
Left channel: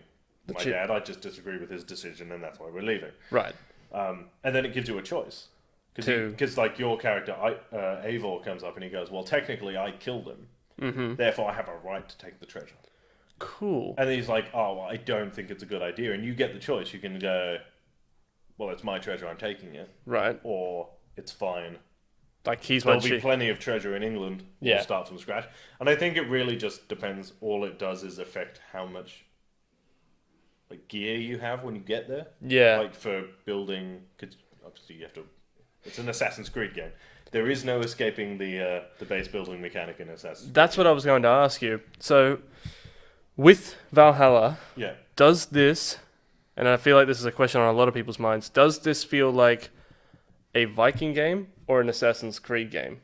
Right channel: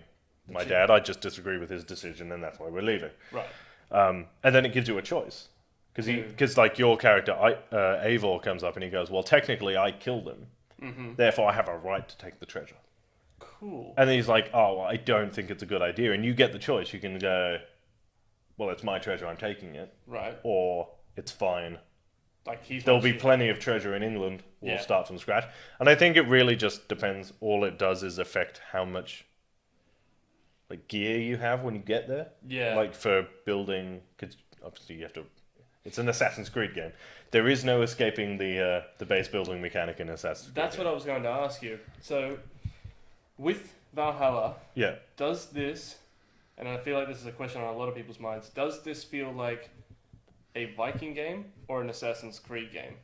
my dad. I just disagree with his decision, and that's why we're leaving. Right. And then it gives you a choice. Because like your character, Eivor, comes up and he goes, well, technically I killed him. Therefore I have a right to take the treasure. Cool. And then he's like, oh, well, I don't think it's a good idea. And you get the choice. You can go, well, it's my treasure, I'm taking it. Right. Or it's fine. Like There'll be plenty of treasure in England. We'll start from scratch. And I think it really just depends. All it does is affect how much like gear you have when you get there. Yeah. Like for building, because obviously you have to. It's an Assassin's Creed game. There is no escaping the base building mechanic in Assassin's Creed. That's what I was going to ask you. So, with Valhalla, does this, and I feel like this is a question on a lot of people's minds, does this feel like a Viking game or an Assassin's Creed game?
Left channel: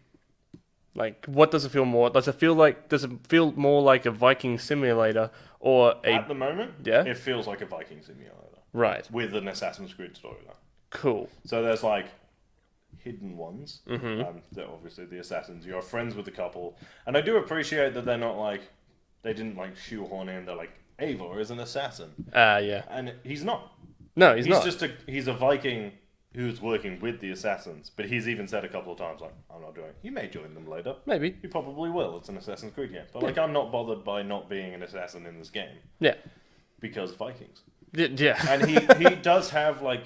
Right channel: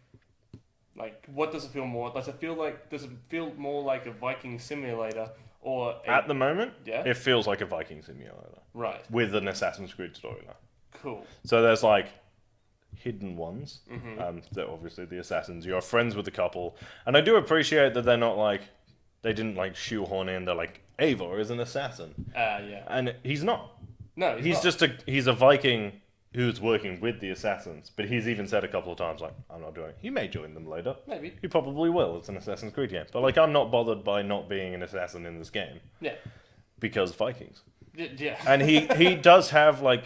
Like, what does it feel more? Does it feel more like a Viking simulator or at the moment? Yeah, it feels like a Viking simulator, right? With an Assassin's Creed storyline. Cool. So there's like hidden ones. They're obviously the assassins. You're friends with a couple, and I do appreciate that they're not like they didn't like shoehorn in. They're like Eivor is an assassin. Yeah, and he's not. No, he's not. He's a Viking who's working with the assassins, but he's even said a couple of times, like, I'm not doing it. He may join them later. Maybe. He probably will. It's an Assassin's Creed game. But, like, I'm not bothered by not being an assassin in this game. Yeah. Because Vikings. Yeah. And he does have, like,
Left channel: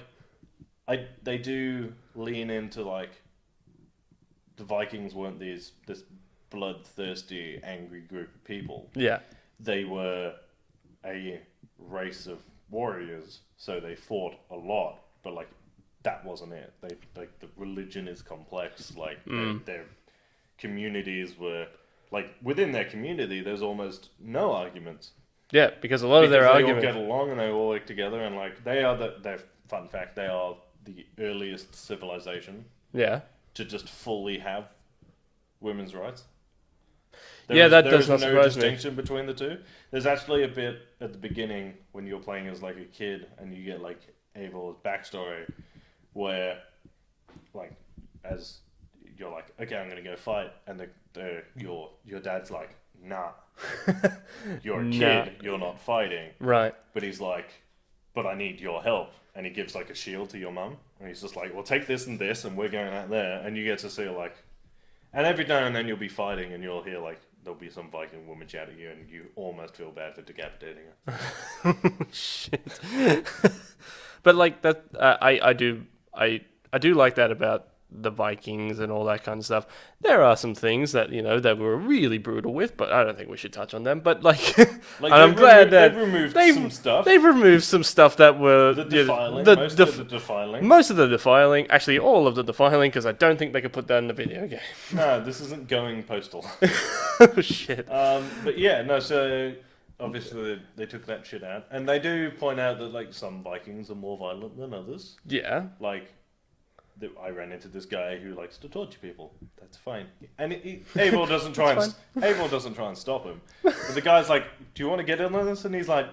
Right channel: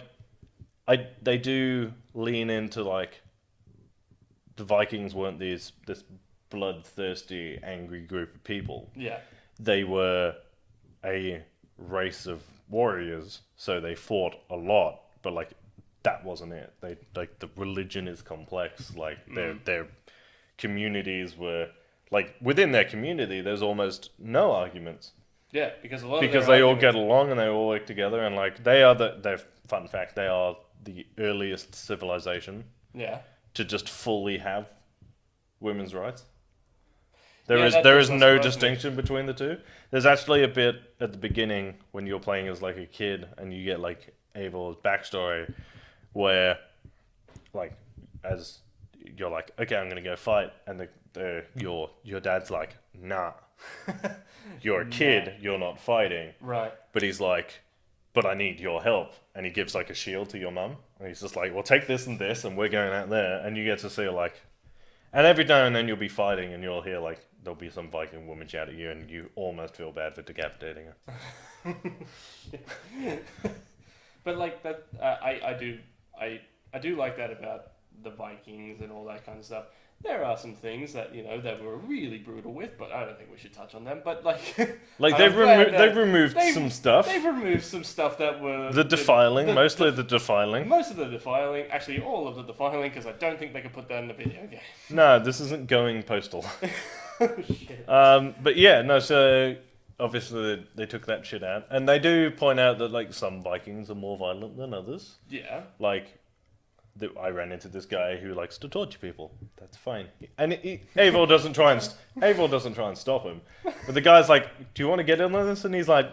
they do lean into, like, the Vikings weren't this bloodthirsty, angry group of people. Yeah. They were a race of warriors, so they fought a lot, but, like, that wasn't it. They like the religion is complex. Like their communities were like within their community. There's almost no arguments Yeah, because a lot of Because their they all argument... get along and they all work together, and like they're fun fact, they are the earliest civilization Yeah. to just fully have women's rights. Yeah, that There does is not no surprise me. distinction between the two. There's actually a bit at the beginning when you're playing as like a kid and you get like Abel's backstory where like as you're like, okay, I'm gonna go fight, and your dad's like, nah, you're a kid, you're not fighting. Right. But he's like, but I need your help, and he gives like a shield to your mum, and he's just like, well, take this, and we're going out there, and you get to see like, and every now and then you'll be fighting, and you'll hear like there'll be some Viking woman shout at you, and you almost feel bad for decapitating her. Shit. But like that, I do like that about the Vikings and all that kind of stuff. There are some things that that we're really brutal with, but I don't think we should touch on them. But like, Like and I'm glad that they've removed some stuff. They've removed some stuff that were The defiling, most of the defiling. Most of the defiling, actually all of the defiling, because I don't think they could put that in the video game. No, this isn't going postal. Oh shit. But yeah, no. So obviously they took that shit out, and they do point out that like some Vikings are more violent than others. Yeah. Like, I ran into this guy who likes to torture people. That's fine, and Abel doesn't try and stop him. But the guy's like, "Do you want to get in on this?" And he's like,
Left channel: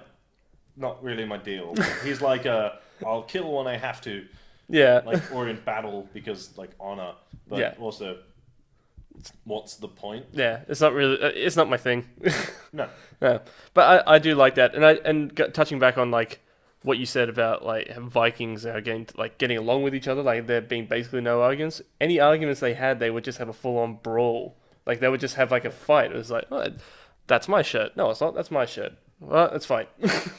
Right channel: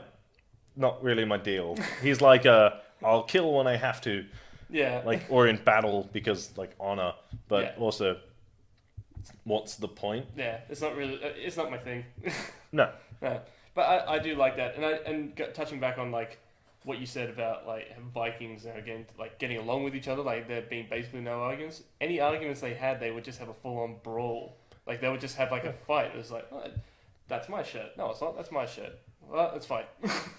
"Not really my deal." He's like, "I'll kill when I have to." Yeah. Like, or in battle because like honor, but Yeah. also, what's the point? Yeah, it's not really. It's not my thing. No. Yeah, but I do like that, and touching back on like what you said about like Vikings are getting along with each other, like there being basically no arguments. Any arguments they had, they would just have a full on brawl. Like they would just have like a fight. It was like, oh, that's my shirt. No, it's not. That's my shirt. Well, that's fine.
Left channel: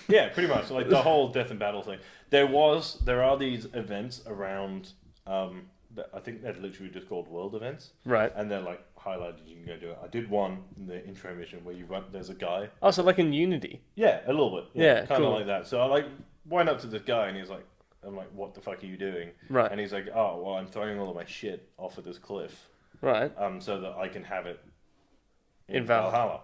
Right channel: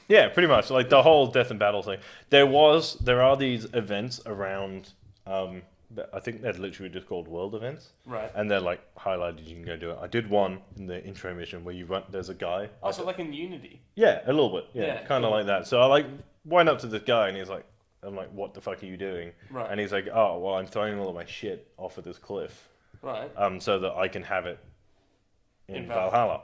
Yeah, pretty much. Like the whole death and battle thing. There are these events around. I think they're literally just called world events. Right. And they're like highlighted. You can go do it. I did one in the intro mission where you run. There's a guy. Oh, so like in Unity. Yeah, a little bit. Yeah, kind of cool. like that. So I like went up to this guy and he's like, I'm like, what the fuck are you doing? Right. And he's like, oh, well, I'm throwing all of my shit off of this cliff. Right. So that I can have it in Valhalla.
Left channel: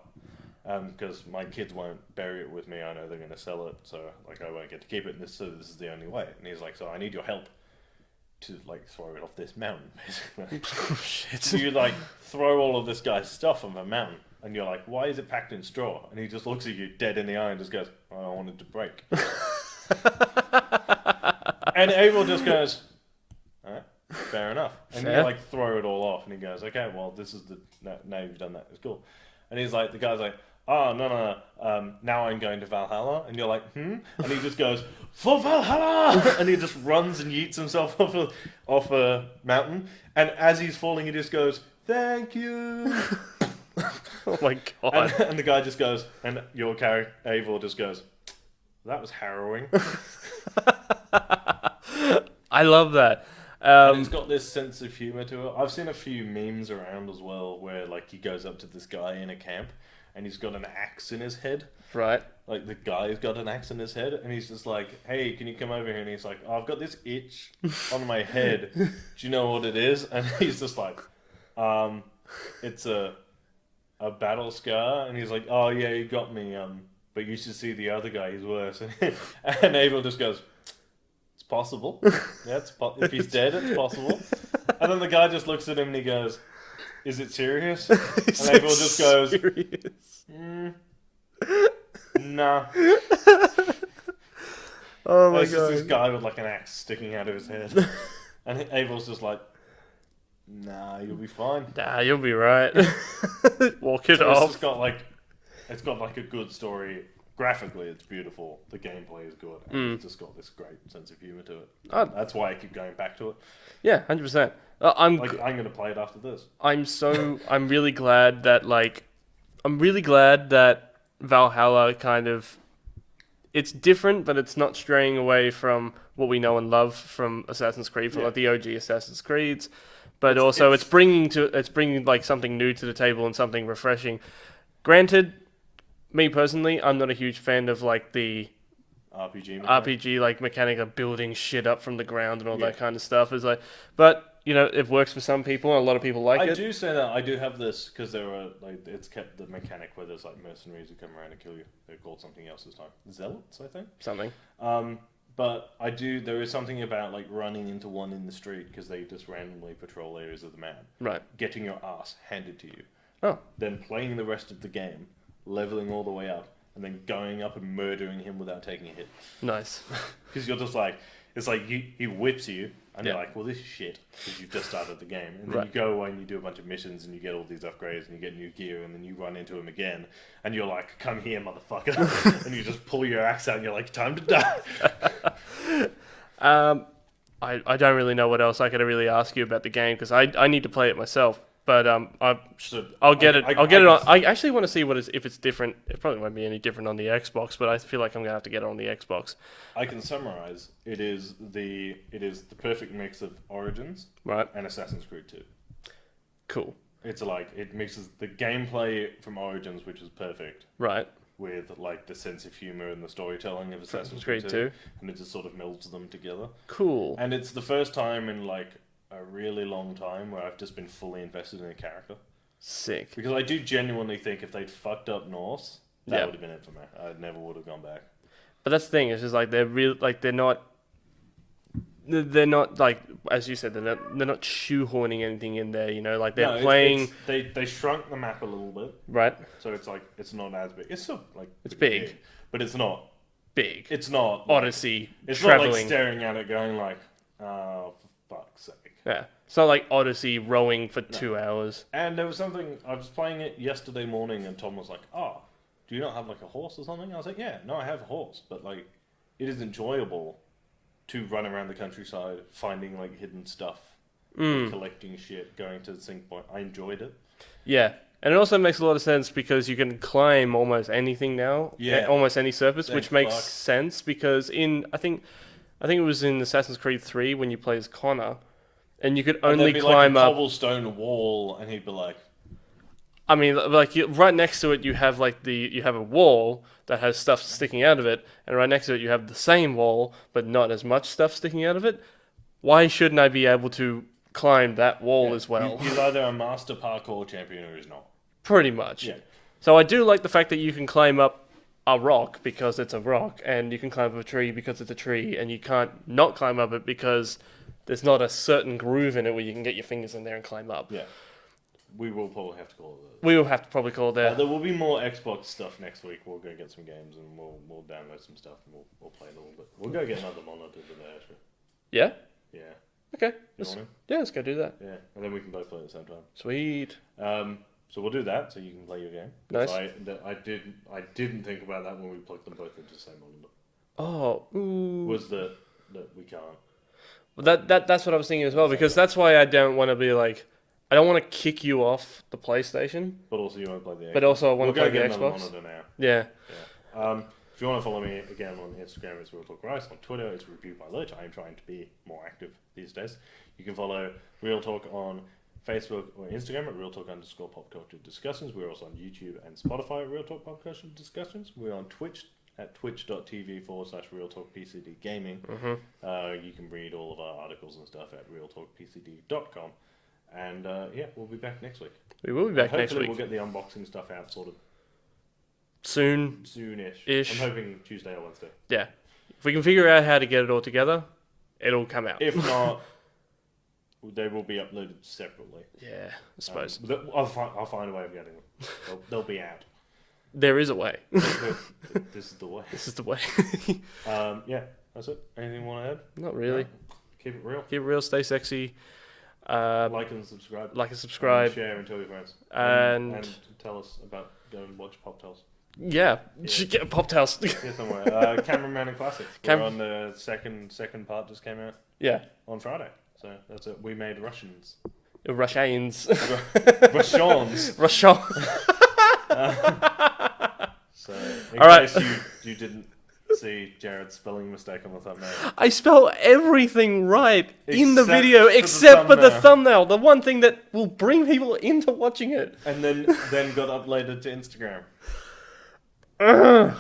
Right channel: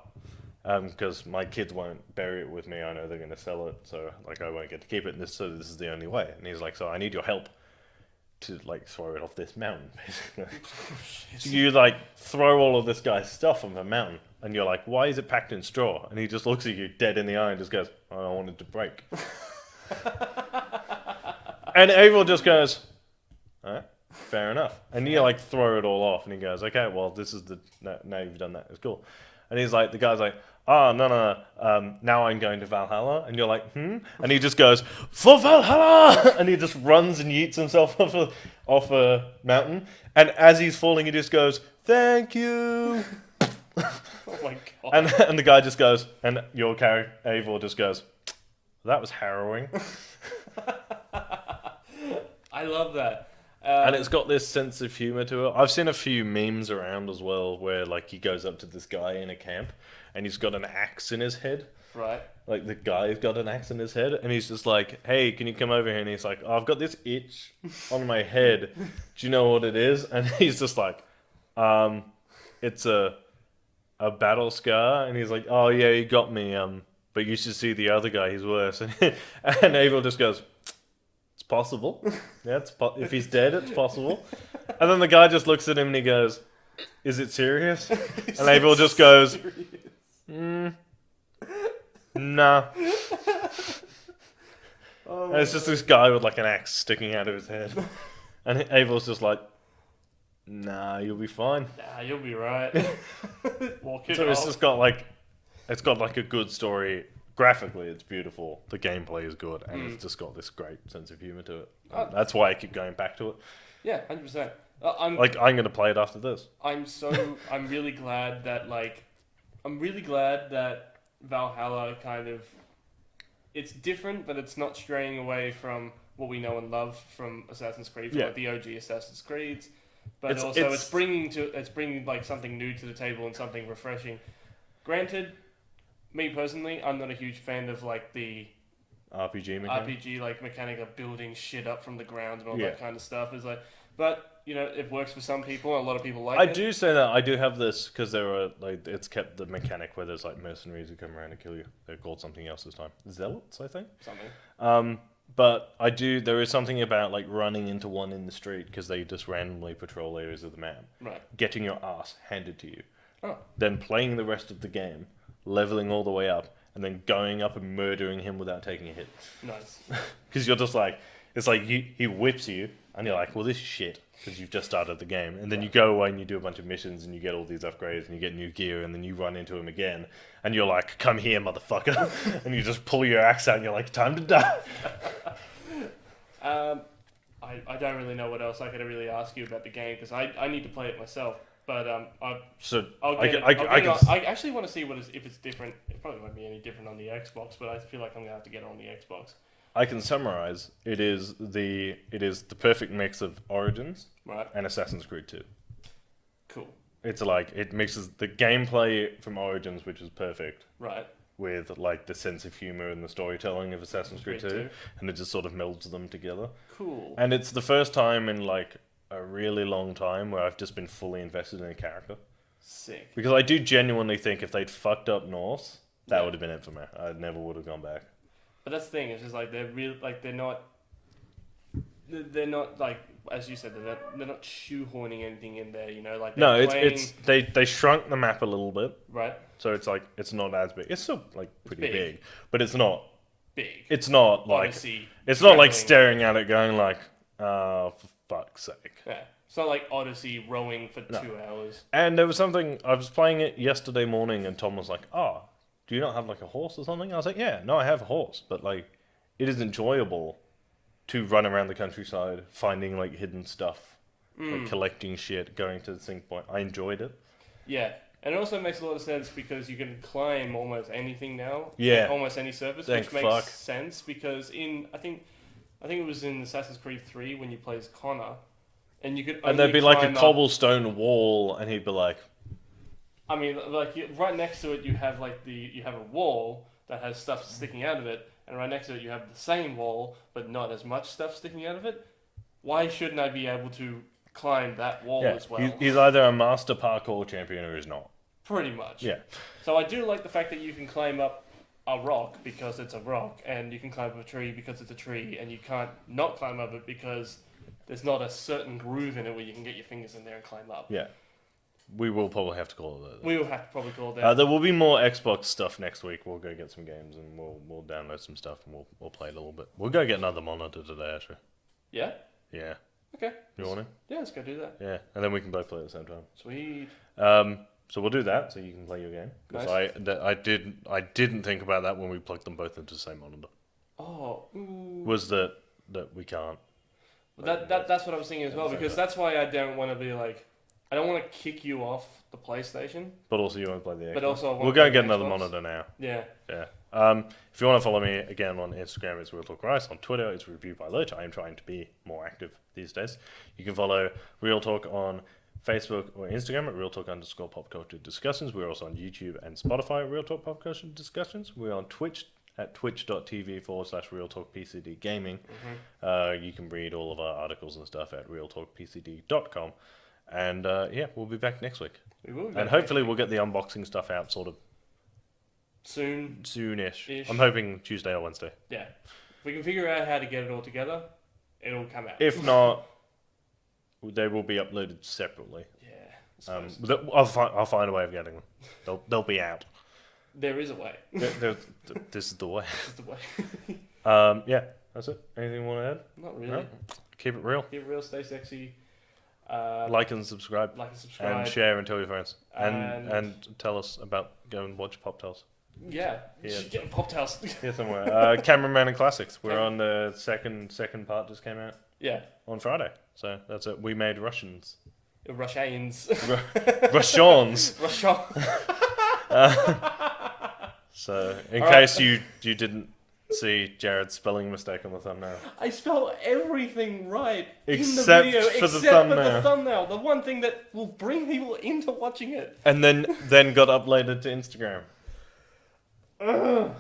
Because my kids won't bury it with me. I know they're going to sell it, so like I won't get to keep it. So this is the only way. And he's like, so I need your help to like throw it off this mountain, basically. Shit. So you like throw all of this guy's stuff on the mountain, and you're like, why is it packed in straw? And he just looks at you dead in the eye and just goes, oh, I wanted to break. And Averill just goes, alright, fair enough. And you like throw it all off, and he goes, okay, well, this is now you've done that, it's cool. And he's like, the guy's like, oh, no, now I'm going to Valhalla. And you're like, And he just goes, for Valhalla! And he just runs and yeets himself off a mountain. And as he's falling, he just goes, thank you. Oh my god. And the guy just goes, and your character, Averill, just goes, that was harrowing. I love that. And it's got this sense of humor to it. I've seen a few memes around as well where like he goes up to this guy in a camp and he's got an axe in his head. Right. Like the guy's got an axe in his head and he's just like, hey, can you come over here? And he's like, oh, I've got this itch on my head. Do you know what it is? And he's just like, it's a battle scar. And he's like, oh yeah, you got me. But you should see the other guy. He's worse. And Abel just goes, it's possible. Yeah, if he's dead, it's possible. And then the guy just looks at him and he goes, is it serious? And Abel just goes, nah. Oh my god. It's just this guy with like an axe sticking out of his head. And Abel's just like, nah, you'll be fine. Nah, you'll be right. Walk it So off. it's got like a good story. Graphically, it's beautiful. The gameplay is good, and it's just got this great sense of humor to it. That's why I keep going back to it. Yeah, 100%. I'm going to play it after this. I'm really glad that Valhalla kind of, it's different, but it's not straying away from what we know and love from Assassin's Creed, from like the OG Assassin's Creeds. But it's bringing like something new to the table and something refreshing. Granted, me personally, I'm not a huge fan of like the RPG like mechanic of building shit up from the ground and all that kind of stuff. Is like, but it works for some people, and a lot of people like it. I do say that I do have this because there are it's kept the mechanic where there's like mercenaries who come around and kill you. They're called something else this time. Zealots, I think. Something. But there is something about like running into one in the street because they just randomly patrol areas of the map. Right. Getting your ass handed to you. Oh. Then playing the rest of the game, leveling all the way up, and then going up and murdering him without taking a hit. Nice. Because you're just like, it's like he whips you, and you're like, well, this is shit, because you've just started the game. And then you go away and you do a bunch of missions, and you get all these upgrades, and you get new gear, and then you run into him again, and you're like, come here, motherfucker. And you just pull your axe out, and you're like, time to die. I don't really know what else I could really ask you about the game, because I need to play it myself. But I'll get it. I'll get it on. I actually want to see if it's different. It probably won't be any different on the Xbox, but I feel like I'm gonna have to get it on the Xbox. I can summarize. It is the perfect mix of Origins, right, and Assassin's Creed 2. Cool. It's like it mixes the gameplay from Origins, which is perfect, right, with like the sense of humor and the storytelling of Assassin's Creed 2, and it just sort of melds them together. Cool. And it's the first time in like a really long time where I've just been fully invested in a character. Sick. Because I do genuinely think if they'd fucked up Norse, that would have been it for me. I never would have gone back. But that's the thing. It's just like they're real. Like they're not like, as you said, they're not shoehorning anything in there. Like they're playing. They shrunk the map a little bit, right? So it's like it's not as big. It's still like it's pretty big, but it's not big. It's not Odyssey. Like, it's not like staring at it, going like, for fuck's sake. Yeah, it's not like Odyssey rowing for 2 hours. And there was something, I was playing it yesterday morning, and Tom was like, "Oh, do you not have like a horse or something?" I was like, "Yeah, no, I have a horse, but like, it is enjoyable to run around the countryside, finding like hidden stuff, like, collecting shit, going to the sync point. I enjoyed it." Yeah, and it also makes a lot of sense because you can climb almost anything now. Yeah, almost any surface, which makes sense because I think it was in Assassin's Creed 3 when you play as Connor, and you could only climb like a up cobblestone wall, and he'd be like, I mean, like right next to it, you have you have a wall that has stuff sticking out of it, and right next to it, you have the same wall, but not as much stuff sticking out of it. Why shouldn't I be able to climb that wall as well? He's either a master parkour champion or he's not. Pretty much. Yeah. So I do like the fact that you can climb up a rock because it's a rock, and you can climb up a tree because it's a tree, and you can't not climb up it because there's not a certain groove in it where you can get your fingers in there and climb up. Yeah. We will probably have to call it that. We will have to probably call it that. There will be more Xbox stuff next week. We'll go get some games and we'll download some stuff and we'll play a little bit. We'll go get another monitor today, actually. Yeah? Yeah. Okay. You want to? Yeah, let's go do that. Yeah, and then we can both play at the same time. Sweet. So we'll do that, so you can play your game. Nice. I didn't think about that when we plugged them both into the same monitor. Oh, ooh. Was that we can't? Well, that's what I was thinking as well, because that's why I don't want to be like, I don't want to kick you off the PlayStation. But also you want to play the Xbox. But also I want to play the We'll go get Xbox. another monitor now. Yeah. Yeah. If you want to follow me again on Instagram, it's Real Talk Rice. On Twitter, it's Review by Lurch. I am trying to be more active these days. You can follow Real Talk on Facebook or Instagram at Real Talk_Pop Culture Discussions. We're also on YouTube and Spotify at Real Talk Pop Culture Discussions. We're on Twitch at twitch.tv/Real Talk PCD Gaming. You can read all of our articles and stuff at realtalkpcd.com. And we'll be back next week. We will be back hopefully next week. We'll get the unboxing stuff out sort of soonish. I'm hoping Tuesday or Wednesday. Yeah. If we can figure out how to get it all together, it'll come out. If not, they will be uploaded separately. Yeah, I suppose. I'll find a way of getting them. They'll be out. There is a way. This is the way. This is the way. Yeah, that's it. Anything you want to add? Not really. No. Keep it real. Keep it real. Stay sexy. Like and subscribe. And share and tell your friends. And tell us about go and watch Pop Tales. Yeah. Should get Pop Tales. Yeah, somewhere. Cameraman and Classics. We're on the second part just came out. Yeah. On Friday. So that's it. We made Russians. Russians. Russians. Russian. So in case you didn't see Jared's spelling mistake on the thumbnail. I spell everything right in the Except video for the except for the thumbnail. thumbnail. The one thing that will bring people into watching it. And then got uploaded to Instagram.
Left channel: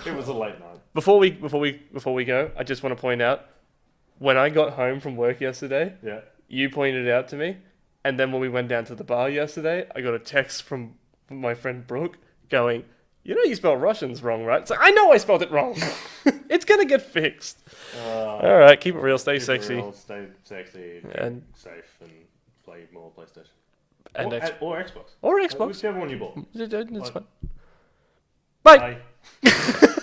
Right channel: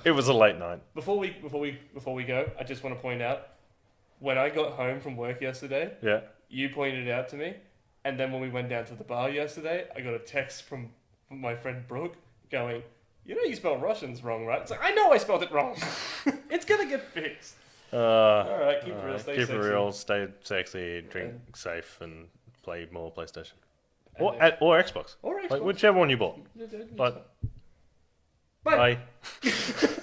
It was a late night. Before we go, I just want to point out when I got home from work yesterday. Yeah. you pointed it out to me, and then when we went down to the bar yesterday, I got a text from my friend Brooke going, "You know you spelled Russians wrong, right?" It's like, I know I spelled it wrong. It's gonna get fixed. All right, keep it real, stay sexy. Keep it real, stay sexy, drink And- safe, and play more PlayStation. And Or Xbox. Or Like, Xbox. whichever one you bought. It's fine. Bye. Bye.